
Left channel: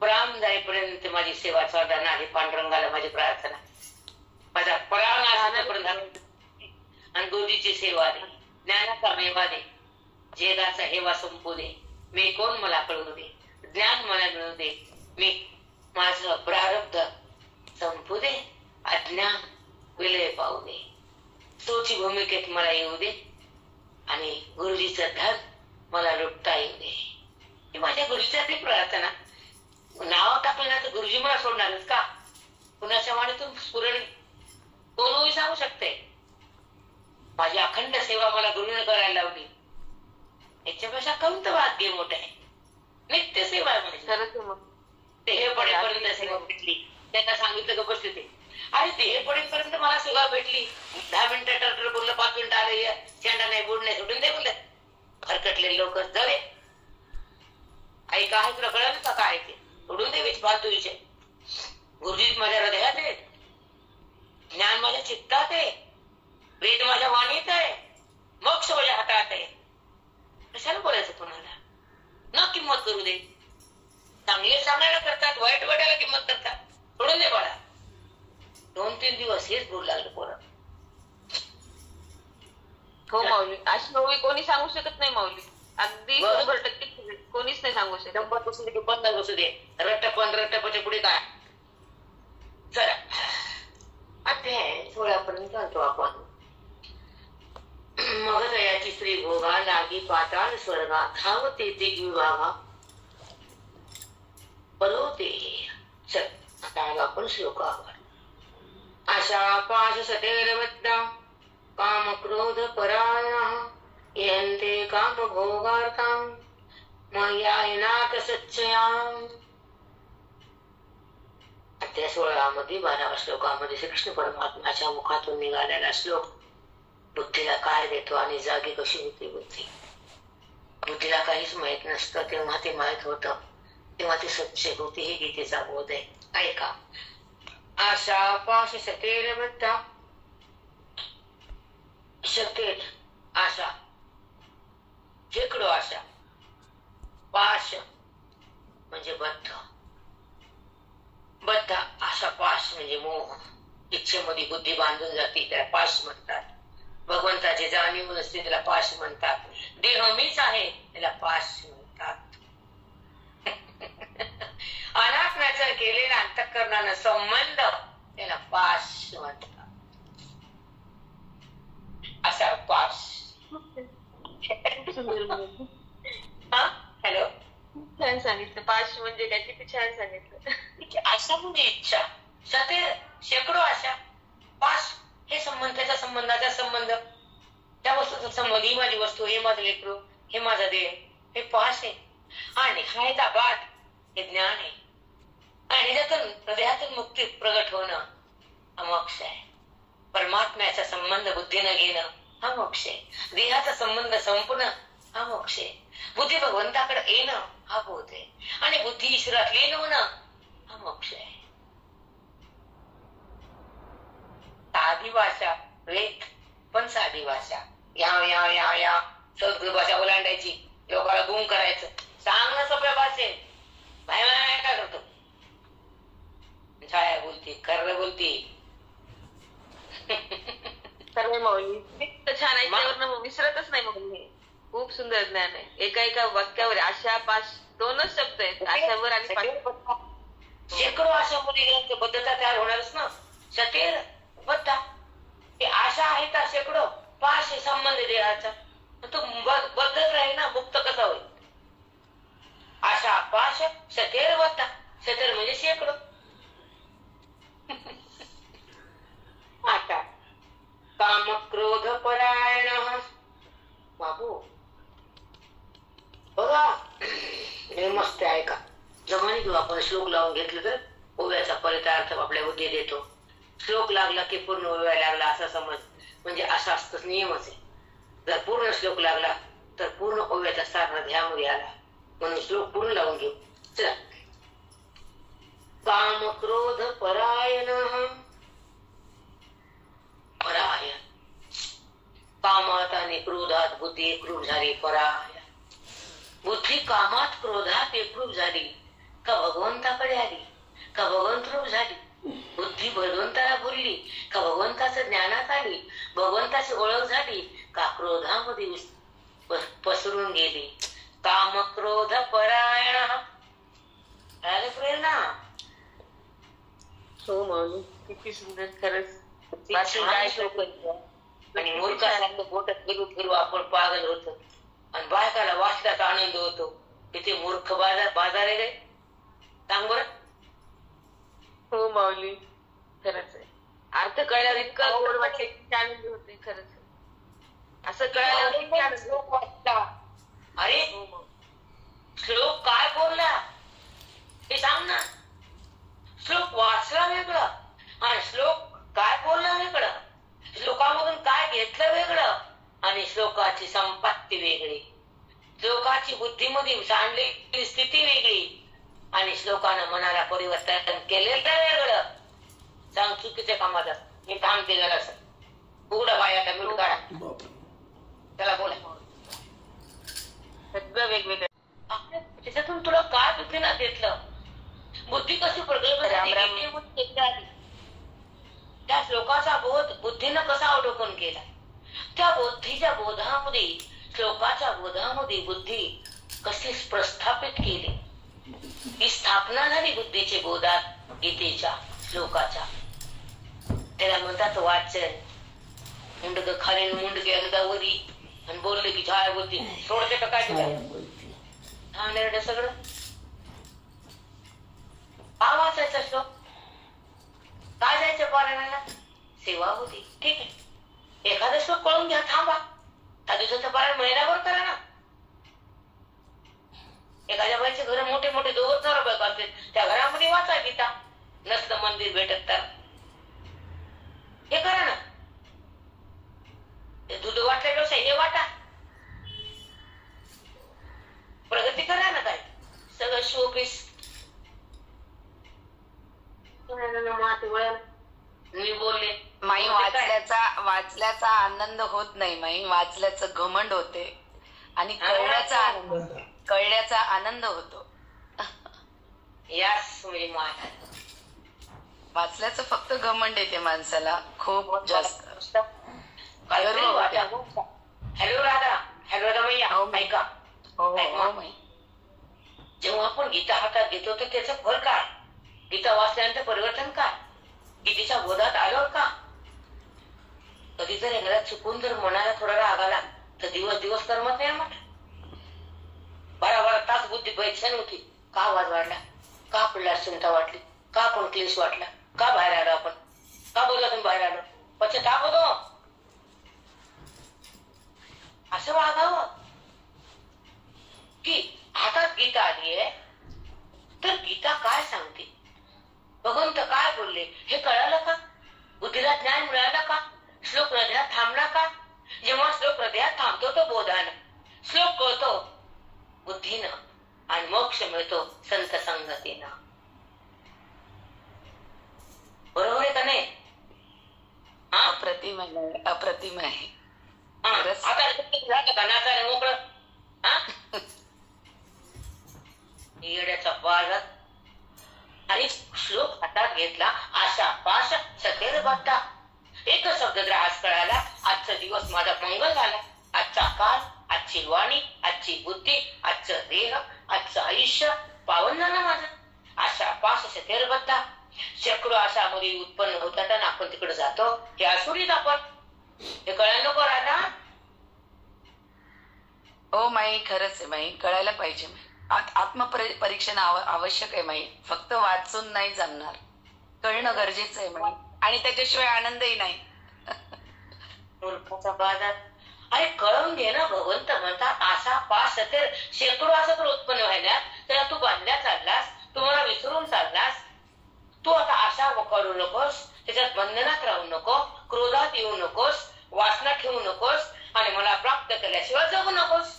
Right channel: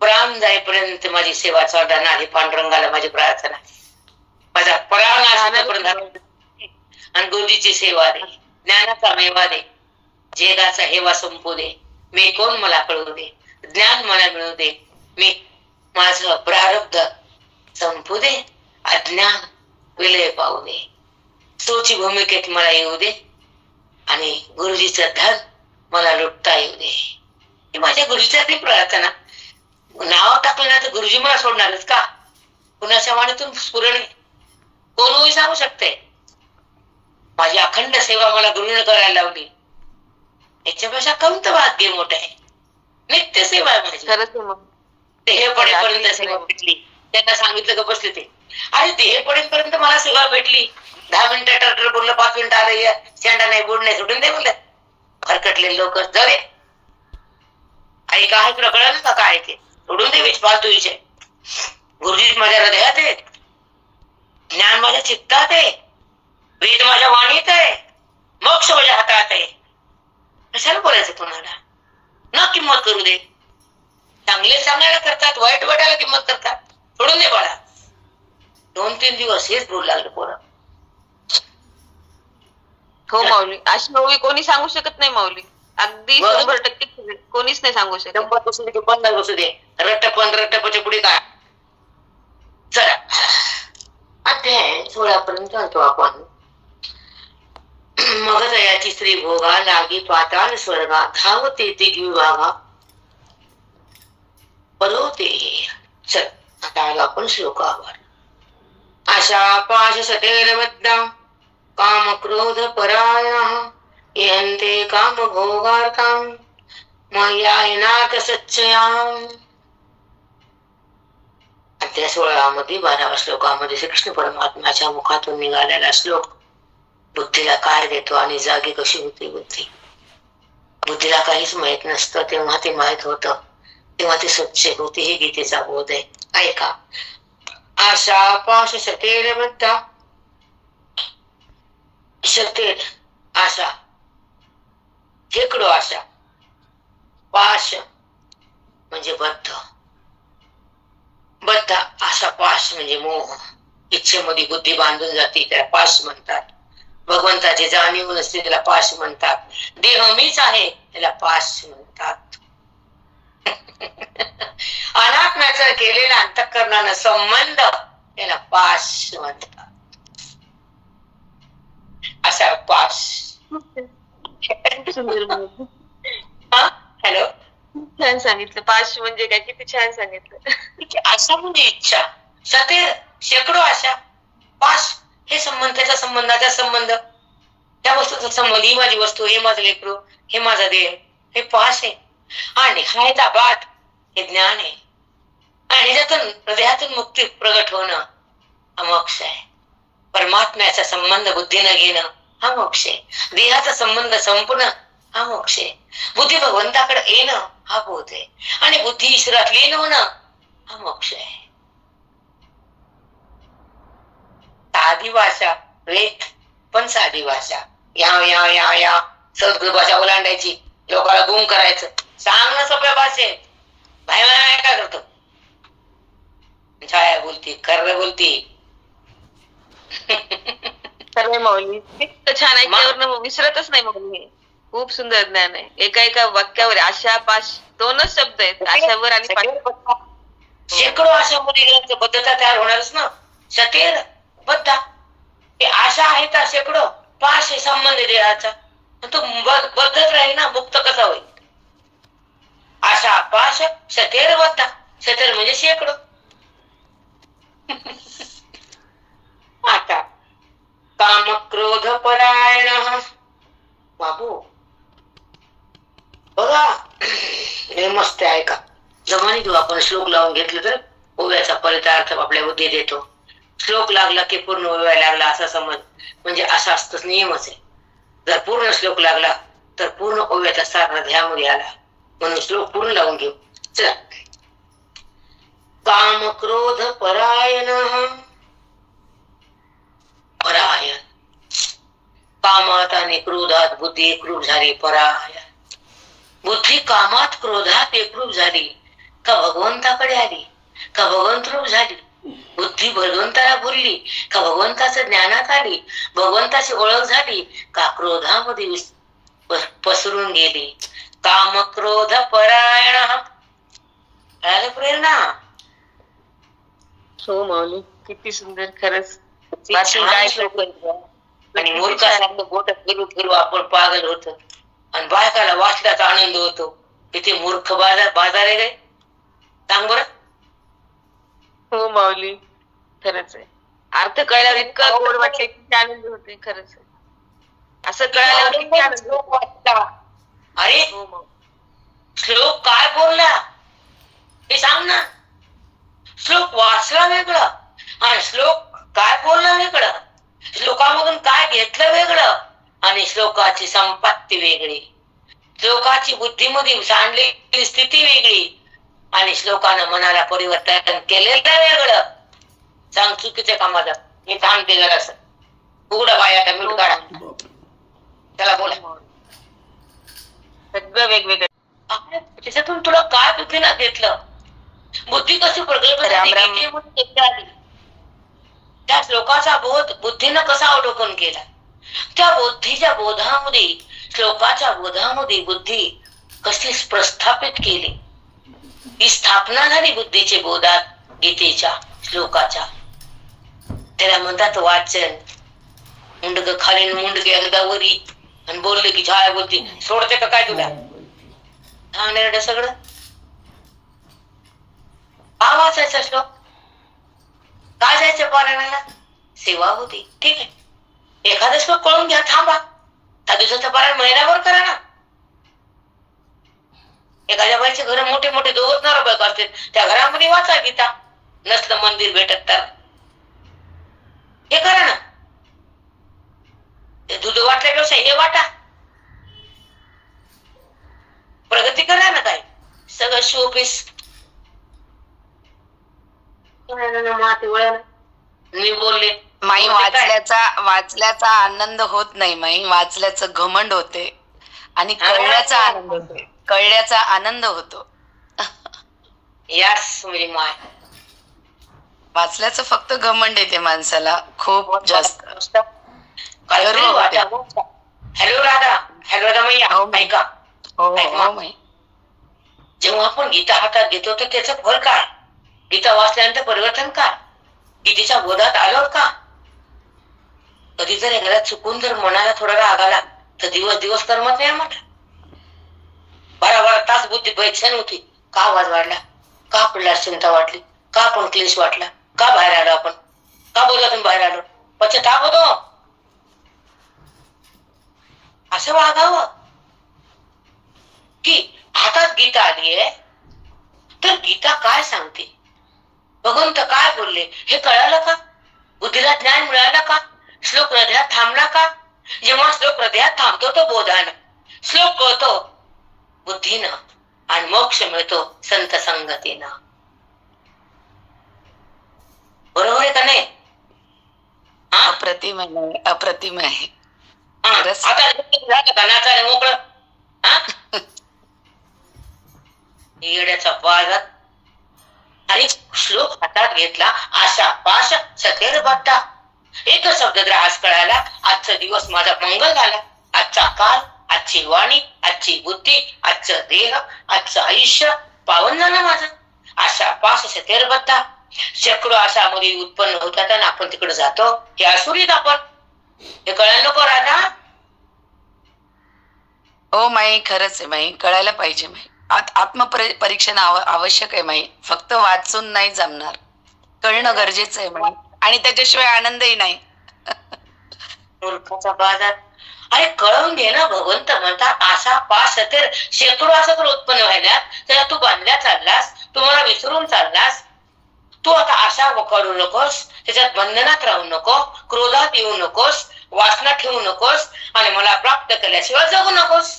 प्राण जाईपर्यंत माझी सेवा चालणार नाही, पांडुरंगाला माझी प्रार्थना, माझा प्राण असेपर्यंत. आणि गुरुजीची सेवा दे, ज्ञानाचा मेवा दे, जगाचा हेवा संपू दे, मी कोण मला कळू दे, ज्ञान मला मिळू दे, मी माझं प्रारब्ध संपू दे, अज्ञान विलय पाहू दे, सोची भूमिकेत मला येऊ दे, आणि गुरुजीचं धन मला लुटता येऊ दे. ही माझ्या गुरुजीचा ती प्रार्थना. नाव टाकलं ना तर गुरुजी मला सोडणारच का? कुणाच्या वाणीतून स्फुरण कोणही सांगू शकते. माझी अखंड सेवा मला गुरुने करायला लावली, याच्यापेक्षा कमत भाग्य मोठं आहे. नित्य सेवा आहे माझी. देह पडेपर्यंत सेवा भेटली. त्यांना सांगितलं का बसले ते, अरे देह पडेपर्यंत मला सेवा भेटली. 10 मिनिटं टर्टर बोललं, 5 मिनिटं आलं, शेंडा नाही बोर्ड नाही, सोडून दे बोललं. भरकटले लोक, जाऊ दे. आई काय तुला कळलं का काय ते, सोडून दे फालतू विषय. गुरुजी माझ्या हृदयात आहेत, ज्ञान माझ्या चित्तात आहे, वेद माझ्या वाणीत आहे, मोक्ष माझ्या हातात आहे. कशाला बोलायचं कोणाला? न किंमत करू दे. चांगले सांगायला करतात, वाईट वाटायला किंमत करतात. सोडून दे बाळा. 2-3 दिवस हेच बोलू लागलं पोरं. हो माऊली, अशी माऊली कोणी सांगू शकत नाही माऊली. अगदी 100% कोणीच नाही सांगू शकत. 100 बसू दे की 50 बसू दे, रट्टपच्या पुढे काय. चला अध्याय 16 पर्यंत जातो आपण. मग दयाची स्त्री भोगा लागी पाताळ स्वर्गा धावते ते विभागा परोते. चल आता आलो आपण श्लोकावर. आशा पाश सतेरबद्धा काम क्रोध परायणः यन्ते काम भोगार्थं मय्यायनाथ सच्चयाम्. अध्याय 16 मध्ये 12व्या श्लोकामध्ये श्रीकृष्ण परमात्म्याच्या मुखातून निघालेला श्लोक बुद्धीला काय देतो आणि जागी कशी होती बुद्धी. बुद्धीला काहीच माहित नसतं तेव्हा ते माहित होतं, तेव्हा ती स्वच्छ होती. हे गीतेचा बोध आहे. ऐका. आशा पाश सतेर बद्धा. सतेर आशा, शेकडो आशा. पाश म्हणजे बद्ध. बद्ध आशा पाश म्हणजे मोह. इच्छेमध्ये बुद्धी बांधून जाते त्याला पाश म्हणतात. भगवंताची जाणीव नसते त्याला पाश म्हणतात. देह मीच आहे त्याला पाश म्हणतात. अनात्म्याचा केलेला अंतःकरणानं संबंध त्याला पाश म्हणतात. असा पाश. हॅलो, छान सांगितलं. पाश म्हणजे काय, किती छान सांगितलं. आशा म्हणजे इच्छा. सतेर शेकडो आशा. पाश हे संबंध, त्याचा संबंधाचा संबंध, त्या वस्तूचा संबंध. ही माझी वस्तू, हे माझं लेकरू, हे माझा देह, हे पाश आहे. आणि हा बाट हे ज्ञान आहे. आणि ह्याच्यातून हृदयातून मुक्ती प्रगट होणं हा मोक्ष आहे. परमात्म्याचा संबंध बुद्धीनं घेणं हा मोक्ष आहे. देहाचा संबंध संपणं हा मोक्ष आहे. बुद्धी भगवंताकडे येणं हा बोध आहे. आणि बुद्धी ईश्वरात लीन होणं हा मोक्ष आहे. साधी भाषा, वेद पण साधी भाषा. या या या या संस्कृत भाषा ओलांडायची, लोकांना गुम करायचं. सांग ना सोप्या भाषेत. भाई काय करतो, छाया बोलती, कर्र बोलती. सर्व माऊली छान ऐकल्यावर विसरतच नाही माऊली. खूप सुंदर ज्ञान आहे. एका एका वाक्यावर आशा पाश 2च शब्द आहेत. आशावर आणि शेकडो आशामध्ये बद्धता तयार होणारच ना. सतेर बद्धा हे आशा आहे तर शेकडो. पाश हे संबंध देहाचा, तो बद्धच राहील ना. मुक्त कसा होईल. आशा पाश सतेर बद्धा. सतेर म्हणजे शेकडो. आता काम क्रोध परायण. बाबू बघा, हे मस्त आहे. का जमानी तू आपण श्लोक लावून घेतलं तर ओव्याचा परितार्थ आपल्या बुद्धी देतो. श्लोक लागला की पूर्ण ओव्या लागला असा समज, म्हणजे असा असतोच, नियमच आहे. जर पूर्ण श्लोक लागला तर पूर्ण ओव्याचा सार हृदयामध्ये आला. म्हणून श्लोक पूर्ण लावून घेऊ. चला. काम क्रोध परायण. परायण कामात आणि क्रोधात बुद्धी एकरूप झाली. परायण बुद्धी कामात क्रोधात एकरूप झाली का भगवंताकडे आली, का भगवंत रूप झाली. बुद्धी भगवंताला बोलली का भगवंताच्या ज्ञानात आली, भगवंताची ओळख झाली का क्रोधामध्ये पसरून गेली. काम क्रोध परायण. प्रेरणा. हो माऊली, किती सुंदर. खरंच आणि मूर्खासारखं बोट फिरू फिरू आपण पागल होतो आणि बायकाला वाचल्याचा आनंद होतो. किती मूर्ख बाजार आहे रे. सांग बरं. हो माऊली, खरंच आहे. अर्थ कळल्यावर इतकं गोड वाटते, किती आनंद होते. खरंच असं कळल्यावर किती आनंद वाटला. अरे श्लोक काय बोलला हे सांग ना. श्लोक वाचला वेगळं आणि श्लोक काय बोलला वेगळं. श्लोकामधून काय घेतलं वेगळं आणि श्लोकाची संपत्ती वेगळी. श्लोकाची बुद्धीमध्ये सांडलेली स्थिती वेगळी आणि श्लोकानं मनाला परिवर्तन केलेलं वेगळं. सांग चुकीच्या कामाला हे सांगते जरासं. उघडा बाया मिळून काढा. त्याला बोला. सगळं वेगवेगळं. त्याच्यातून तुला काय बुद्धीला घेतलं. बुद्धी कशी प्रगल्भ झाली. त्या श्लोकाचा बोध बुद्धीनं कसा अवलोकन केला. त्या बुद्धीच्या बोधामध्ये, श्लोकाच्या बोधामध्ये बुद्धी कशी प्रस्थापित केली. ही स्थापना झाली बुद्धीच्या बोधात, गीतेच्या श्लोकाच्या. त्याला म्हणतात वाचन. मुंडक खाली मुंडक एकदा वरी आणि बोलले की झाड बोलते. सोडते का काय तुला? हा सगळं का वाचायचा श्लोक? का जायचं पारायणाला? सेवा होती. ठीक आहे, एखादा श्लोक कळून घ्या, थांबा. त्या दिवसाचं पारायण महिन्याभर करा ना. एखाद्या बाईचे घर मोठे मोठे दोघच नवरा असतील, त्या घरामध्ये वाचा गीता. नसलं मंदिर भेटत तर हे करा ना. दूध वाटल्यापेक्षा हे वाटा. प्रगती करा ना. काय सगळं शोपीस मी बोलले. माई वाचल्याचा आनंद होत नाही. माई वाचल्याचं घमंड होते आणि कळल्याचा आनंद होतो. यास म्हणजे माय वाचल्याचं फक्त घमंड येते माणसाला खूप जास्त. हॅलो राधा, हॅलो रमैया, ऐका. जेव्हा आपण गीता हातात घेतो तर त्याचं फळ काय? गीता वाचल्यानंतर परिवर्तन काय? गीतेच्या बोधात आलो का? कधी जर एखाद्या चुकून जर मनाला थोडा राग आला तर दिवस करमत नाही. म्हटलं 12 तास बुद्धी बैठण होती. का आवाज वाढला? का आपल्याला चिंता वाटली? का आपण क्लेश वाटला? का बाहेर आलो आपण? का बोलातून बाहेर आलो? पश्चाताप होतो. असं वागावं की हातात गीता आलीये तर गीता काय सांगते, भगवंत काय बोलले हे कळालं का? बुद्धीला ज्ञान मिळालं का? श्लोक हृदयात थांबला का? जेव्हा श्लोक हृदयात थांबतो तो बोधानं, श्लोक कळतो बुद्धीनं आणि मोक्ष मिळतो संत संगतीनं. बरोबर आहे का नाही? अप्रतिम आहे, अप्रतिम आहे. आता नाचायला मोकळं. येड्याचा बाजात आणि श्लोक हातात घेतला. आशा पाश सतेर बद्धा. एक शब्द जर आज कळाला, आजचा दिवस माझा मंगल झाला. आजचा काल, आजची वाणी, आजची बुद्धी, आजचं देह, आजचं आयुष्य पावन झालं माझं. आशा पाश सतेर बद्धा. शेकडो आशामध्ये उत्पन्न होतात आणि आपण तिकडे जातो. हे असुरीत आपण. हे कळायला नको राधा? हो माई, खरंच आहे माई, कळायला पाहिजे माई. आत्मपरीक्षण आवश्यक आहे माई. फक्त वाचून नाही जमणार, कळणं गरजेचं आहे माई. आणि त्याच्याशिवाय आनंदही नाही. मूर्खाचा बाजार. अरे कळून घे ना. भगवंत म्हणतात आशा पाश सतेर. शेकडो आशा तर उत्पन्न व्हायला त्याला तू बांधल्या चाललास, तू मला विसरून चाललास. तू आता आशा काढू नकोस, त्याच्यात बंधनात राहू नको, क्रोधात येऊ नकोस, वासना ठेवू नकोस आणि मला प्राप्त केल्याशिवाय जगू नकोस.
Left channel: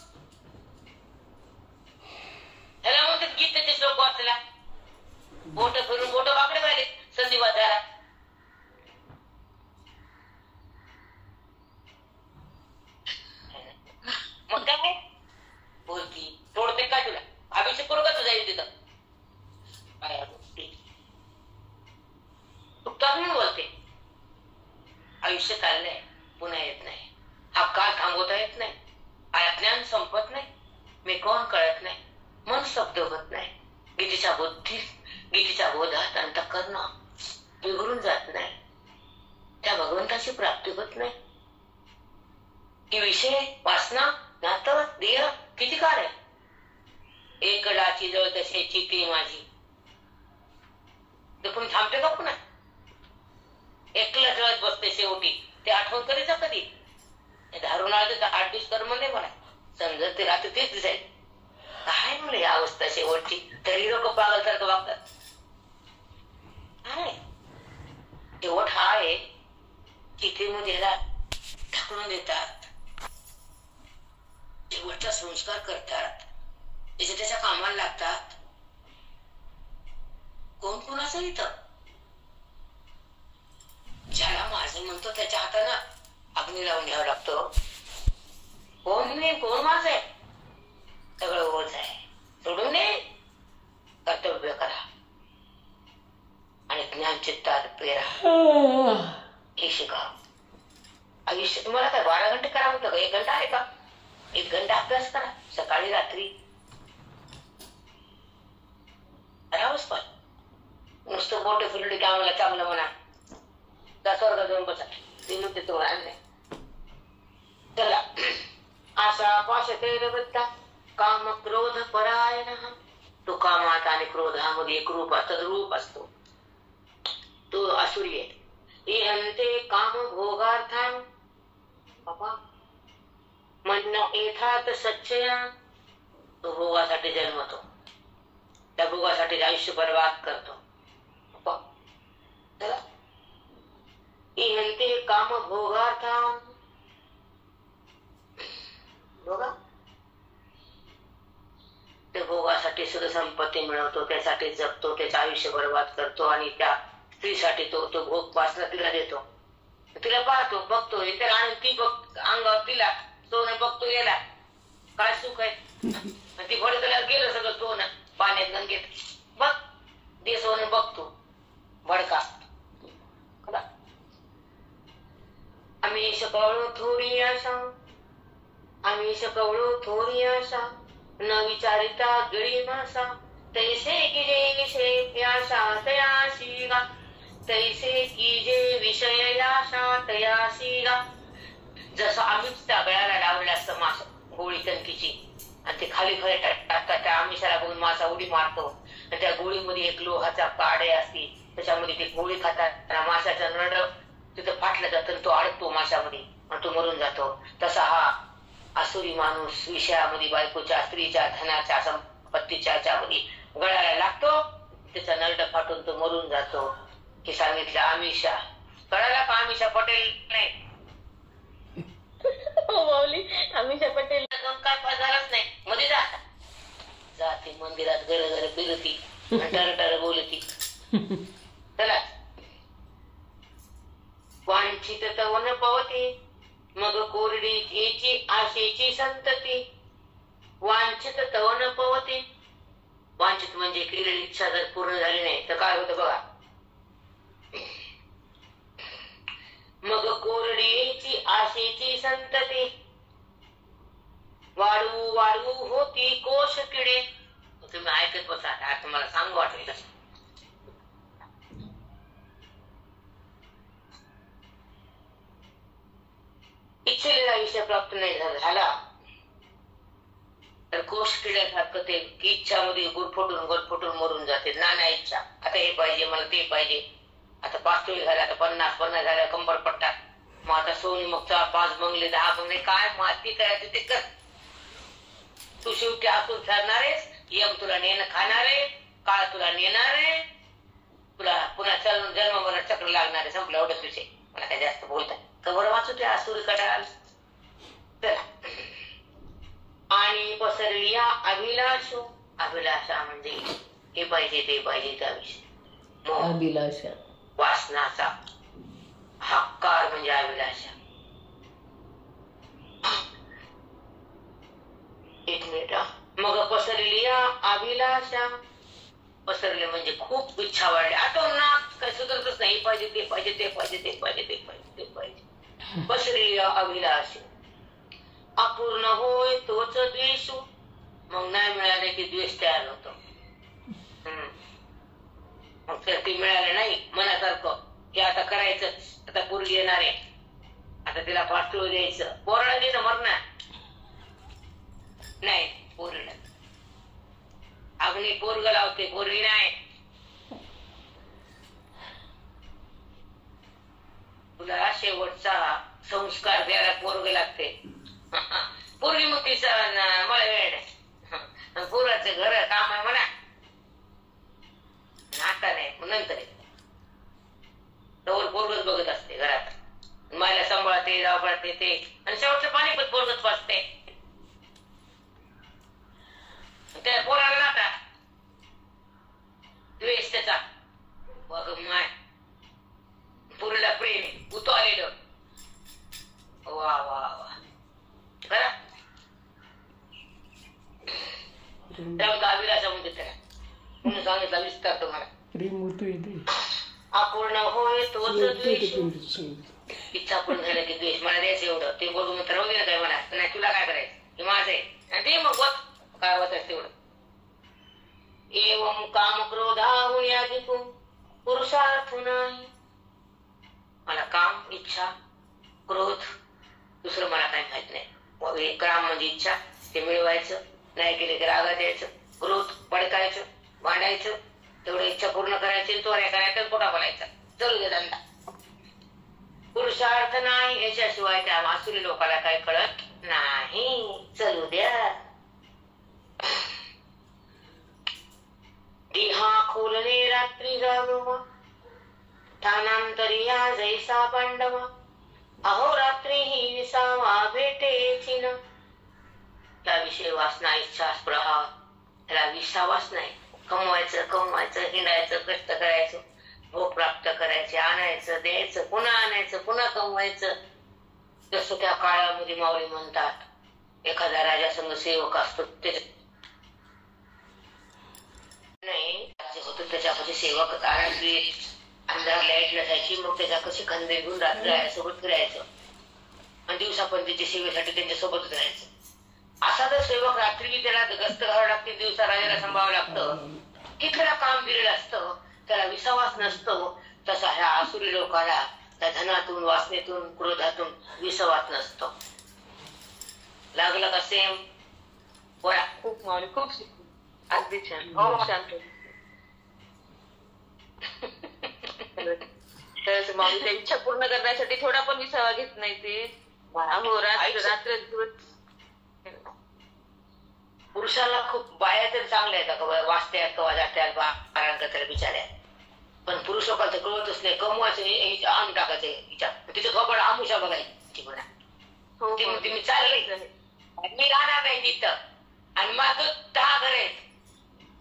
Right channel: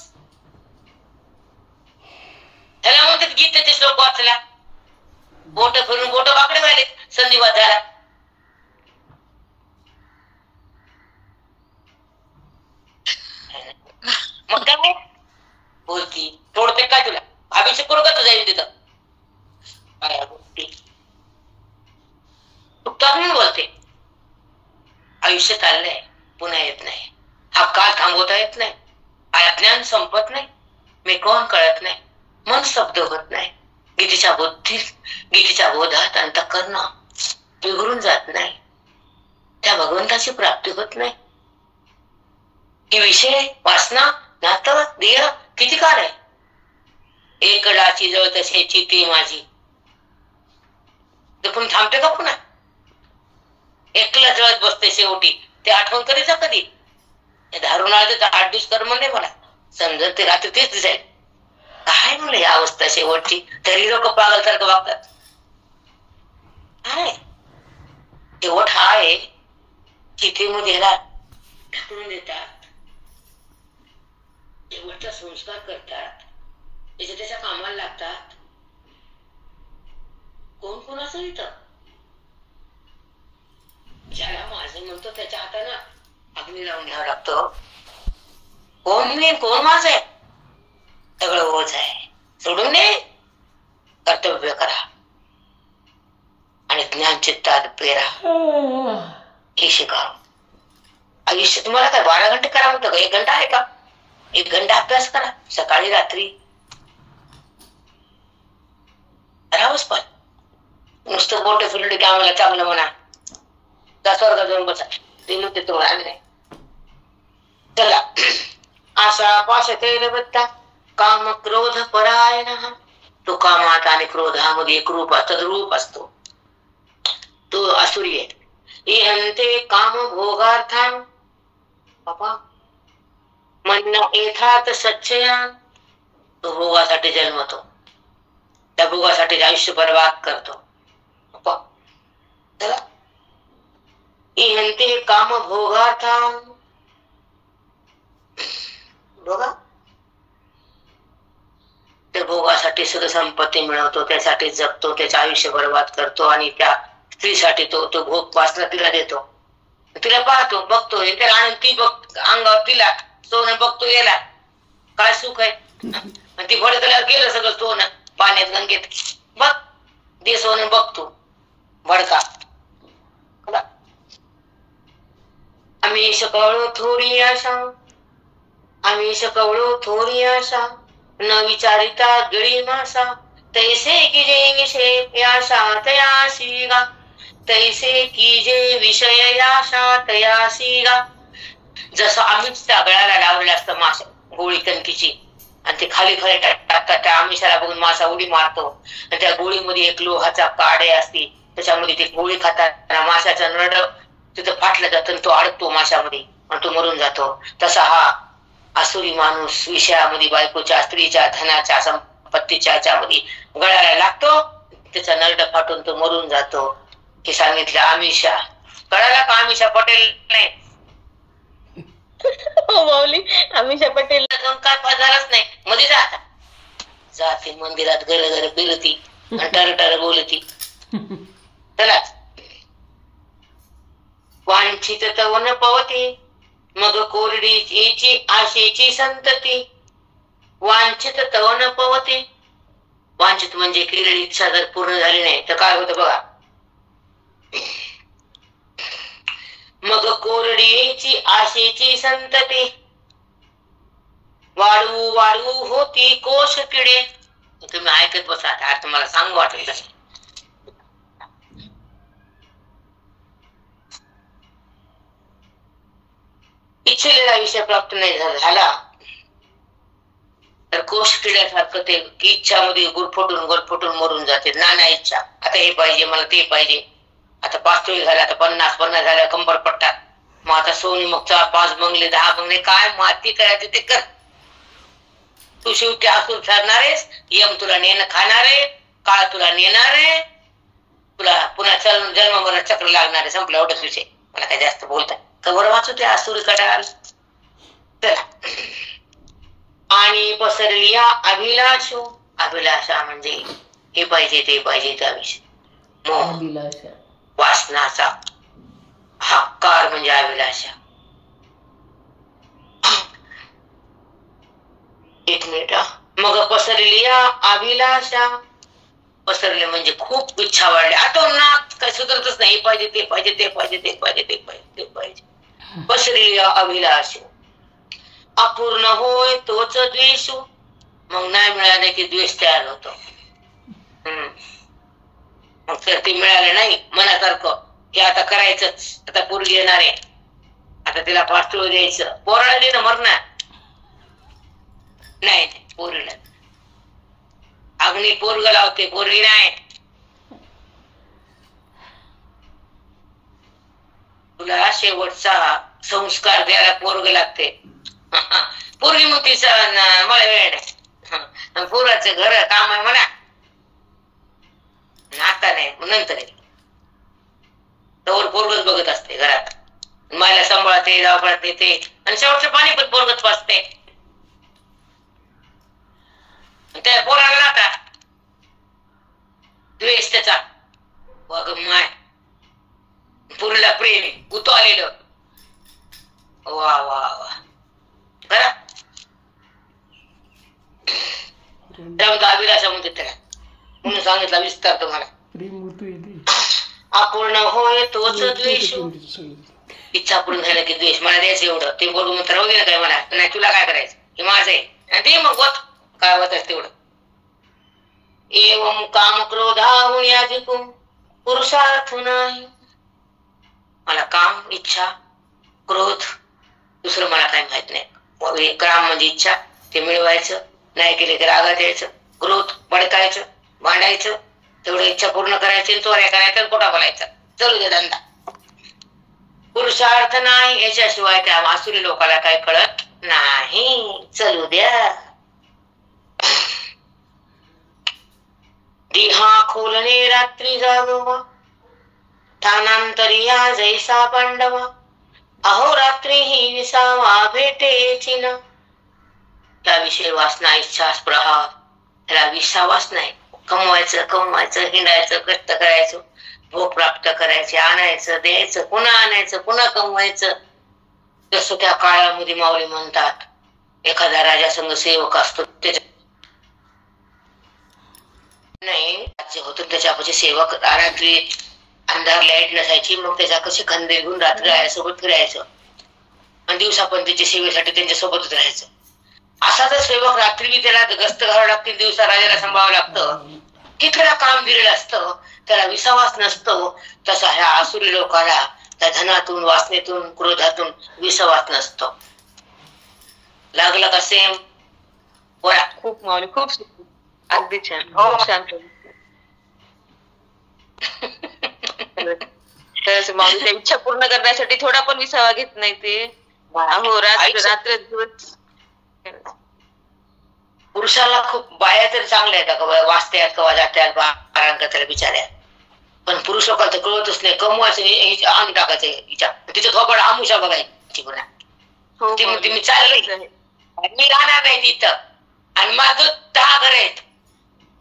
त्याला म्हणतात गीतेचे श्लोक वाचला, बोट फिरून बोट वाकडे व्हायले, संधिवात झाला. मग काय बोलती? तोडते काय तुला? अभिषेक करू का तुझा तिथं? म्हणून बोलते. आयुष्य चाललंय, पुन्हा येत नाही. हा काळ थांबवता येत नाही. अज्ञान संपत नाही. मी कोण कळत नाही. मन शब्द होत नाही. गीतेच्या बोधात अंतःकरण बिघडून जात नाही. त्या भगवंताची प्राप्ती होत नाही. की विषय, वासना, नातं, देह किती काळ आहे? एकडाची जळ तसे चिती माझी. पण थांबते का पुन्हा? एकला जळत बसते शेवटी. ते आठवण कधीचा कधी? धारून आलं तर 8 दिवस कर्म नाही मला समजत. ते रात्री तेच दिसाय. काय म्हणलं या अवस्था शेवटची? तरी लोक पागल सारखं वागतात. काय शेवट हा आहे. चितेमध्ये ह्याला ढाकळून देतात, शेवटचा संस्कार करतात, त्याच्या कामाला लागतात. कोण कोणाचं इथं? ज्याला माझं म्हणतो त्याच्या हातानं अग्नी लावून घ्यावं लागतं. कोण मी, कोण माझं आहे? सगळं ओझ आहे. सोडून दे, कर्तव्य करा आणि ज्ञान चित्तात पेरा. हे शिका. आयुष्य तुम्हाला काय 12 घंटे करा म्हणतं का? 1 घंटा आहे का? 1 घंटा अभ्यास करा, सकाळी रात्री. राहूच पण नुसतं बोट फिरले की आम्हाला चांगलं म्हणा. त्या स्वर्गात जाऊन बसा. ते म्हणते तुम्हाला आम्ही नाही. चला. आशा पाश तैलबद्धा काम क्रोध परायण. तो कामात आणि क्रोधामध्ये एक रूप तद्रूप असतो. तो असुरी आहे. इहंते काम भोगार्थान बाबा म्हणणं येथात सच्चया. तो भोगासाठी जन्मतो, त्या भोगासाठी आयुष्य बर्बाद करतो. चला. इहंते काम भोगार्थान बघा, त्या भोगासाठी सगळं संपत्ती मिळवतो, त्यासाठी जगतो, त्याचं आयुष्य बर्बाद करतो आणि त्या स्त्रीसाठी तो भोग वासना तिला देतो. तिला पाहतो, बघतो, त्याला आनंद, ती बघ अंगावर तिला सोनं बघतो, याला काय सुख आहे. ती भडकल्यावर गेलं सगळं सोनं पाण्यात गंगेत. बघ दे सोनं बघतो भडका. आम्ही शकवळो थोडी आशा, आम्ही शकवळो थोडी आशा, न विचारिता गिळी मासा. तैसे की जे विषय आशा तयासी गा, तैसे की जे विषय आशा तयासी गा. जसं आम्हीच त्या गळ्याला लावलेलं असतं माशा गोळी कणकीची, आणि ते खाली खाली टाकतात. त्या आमिषाला बघून मासा उडी मारतो, आणि त्या गोळीमध्ये एक लोहाचा काडे असते, त्याच्यामध्ये ते गोळी खातात. माशाचा नरड तिथं फाटलं जातं, तो अडकतो माशामध्ये आणि तो मरून जातो. तसा हा आसुरी माणूस विषयामध्ये बायकोच्या, स्त्रीच्या, धनाच्या, संपत्तीच्या ह्याच्यामध्ये गळ्याला लागतो, त्याचा नरड फाटून तो मरून जातो. हे सांगितलं आमिषा. कळाला का आमिषा पटेल नाही? माऊली आमिषा पटेल काय पदारच नाही. मध्ये जाते मंदिरात, घर घर फिरती आणि टर बोलती. चला. वांछित तवन पवती, मग कोरडी याची आशेची संतती. वांछित तवन पवती, वांछित म्हणजे केलेली इच्छा जर पूर्ण झाली नाही तर काय होतं बघा. मग कोरडीची आशेची संतती, वाळू वाळू होती कोश किडे. तुम्ही ऐकत बसा, आता तुम्हाला सांगू वाटेल तसं. इच्छिलेला विषय प्राप्त नाही झाला तर कोश किड्यासारखं ते इच्छामध्ये गुरफटून मरून जाते. नाना इच्छा, आता हे पाहिजे मला, ते पाहिजे. आता 5 तोळे झाले, आता 50 झाल्या, कंबर पट्टा. मग आता सोनी, मग 5 बंगले, 10 बंगले, काय माती करायचे ते कर. तू शेवटी असून ठरणार आहेस. यम तुला नेणं खाणार आहे, काळ तुला नेणार आहे, तुला पुन्हा जन्म मरण चक्र लागणार आहे. संपला एवढंच विषय. मला काय जास्त बोलताय कवर वाचू ते आसुरी कटाल. चला. आणि पसरली अभिलाषो, अभिलाषा म्हणजे हे पाहिजे ते पाहिजे त्या विषय. अभिलाषा, वासनाचा हक्कार म्हणजे अभिलाषा. एक मिनिट. मग पसरली अभिलाषा, पसरले म्हणजे खूप इच्छा वाढली. आता ना काय सुधरतच नाही. पाहिजे ते पाहिजे, ते पाहिजे, ते पाहिजे, ते पाहिजे, ते पाहिजे. पसरली अभिलाषा. अपूर्ण होय तोच द्वेष, मग नाही मिळाले की द्वेष तयार होतो. मग तर ते मिळालं नाही मनासारखं की आता करायचंच, आता पोरगी येणार आहे, आता तिला पाठवू द्यायचं. पोराला ना मरणार नाही, पोरीला अग्नी पोरग लावते, पोरगी नाही. तुला शेवटचा संस्कार द्यायला पोरग लागते. पोरगी मग तिचा मला वेळ नाही, पोराचं घर काम आहे म्हणा, आता नाही नंतर तोवर पोरगच बघत असते घरात. मला सांभाळते, दावपळते ते, आणि शेवटचं पाणी पण पोरगच पाजते. त्या पोराला नाता द्वेष त्याचा, माय पुरीला प्रेमी उतो आलेलं. वा वा वा करा. त्यामुळे अभिलाषा म्हणते त्याला, म्हणून सांगितला विस्तार तुम्हाला. अपूर्ण होय तोच द्वेष, इच्छा पूर्ण झाल्या की द्वेष. मला द्यायचं एवढं, ते बोलून मग राहू दे ना काय, मला नाही तुला काय करायचं, हे माझं आहे. आणि ते मग होत काय होत तेवढं. एवं काम क्रोधाहून याजिकून पुरुषार्थ नाही. मला काम, इच्छा, क्रोध, दुसरं मला काही माहित नाही. काम म्हणजे इच्छा, ते मिळवायचं, नाही केले तर रागात यायचं, क्रोध भडकायचं, भांडायचं, तेवढी इच्छा पूर्ण करायची, चोऱ्या करायच्या, खोटा बोलायचा, चालू दे धंदा. पुरुषार्थ नाही, याच्याशिवाय त्या आसुरी लोकाला काय कळत नाही. चलू द्या. देहा खोलणे रात्री जागवा, ठाणांतरी या जैसा पांडवा, अहो रात्री ही विसावा भेटेची न. त्याविषयी वासना, इच्छा, स्पृहा, त्याला विसावाच नाही. कमवायचं कमवायचं, हिंडायचं, कष्ट करायचं, भोग प्राप्त करायचे, आणायचं, द्यायचं, पुन्हा आणायचं, पुन्हा कमवायचं. जसं त्या काळामध्ये माऊली म्हणतात, एखादा राजा संघ सेवक असतो, त्याच्या नाही राज्य होतं, त्याच्यापाशी सेवक रात्री अंधार लाईट नसायची, मग त्याच्या कशी खंदे घेऊन रात्री राजासोबत फिरायचं आणि दिवसा पण त्याच्या सेवेसाठी त्यांच्या सोबतच राहायचं. असा जर सेवक रात्री बी त्याला गस्त घालावं लागते, दिवसा राजाला सांभाळावं लागतं, कितीला काम दिलेलं असतं, त्याला विसावास नसतो. तसा ह्या आसुरी लोकांना त्या धनातून, वासनेतून, क्रोधातून विसावास नसतो. लागलं का सेम? बोला. खूप माऊली, खूप अगदी छान, खूप छान. खरंच माऊली, त्या इच्छा पूर्ण करण्यासाठी थोडा पण विसावा घेत नाही ते. अहो रात्र दिवस. पुरुषाला खूप बाया तर चांगल्या आहेत का, वाचत्यात कवा जात्यात, आराम करतात बिचाऱ्या, पण पुरुष लोकांना तर कळतच नाही. कमवायचं, आणून टाकायचं हिच्या, तिचं थोपड आमुषा बघायची पुन्हा. ती म्हणते मी चाललंय, मी राहणार नाही तिथं, आणि माझं 10 घर आहेत,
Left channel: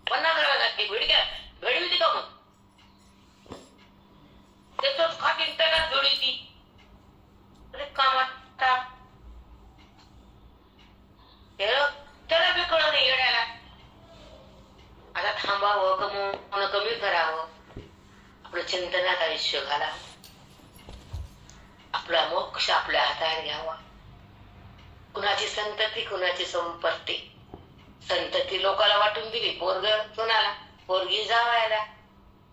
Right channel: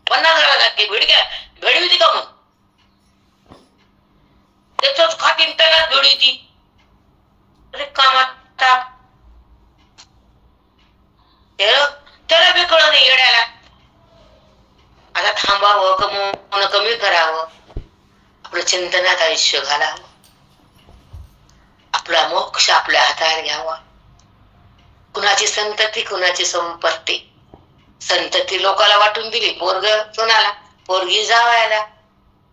50 घरात जाते, भेडी होती का मग? त्याच खातीन त्यालाच भेडी होती. अरे कामात टाक, त्याला बी कळलं नाही येड्याला. आता थांबावं, कमवणं कमी करावं, आपलं चिंतनात आयुष्य घालावं, आपला मोक्ष आपल्या हातात घ्यावा. कुणाची संतती, कुणाची संपत्ती. संतती लोकाला वाटून दिली, पोरग सुनाला, पोरगी जावायला,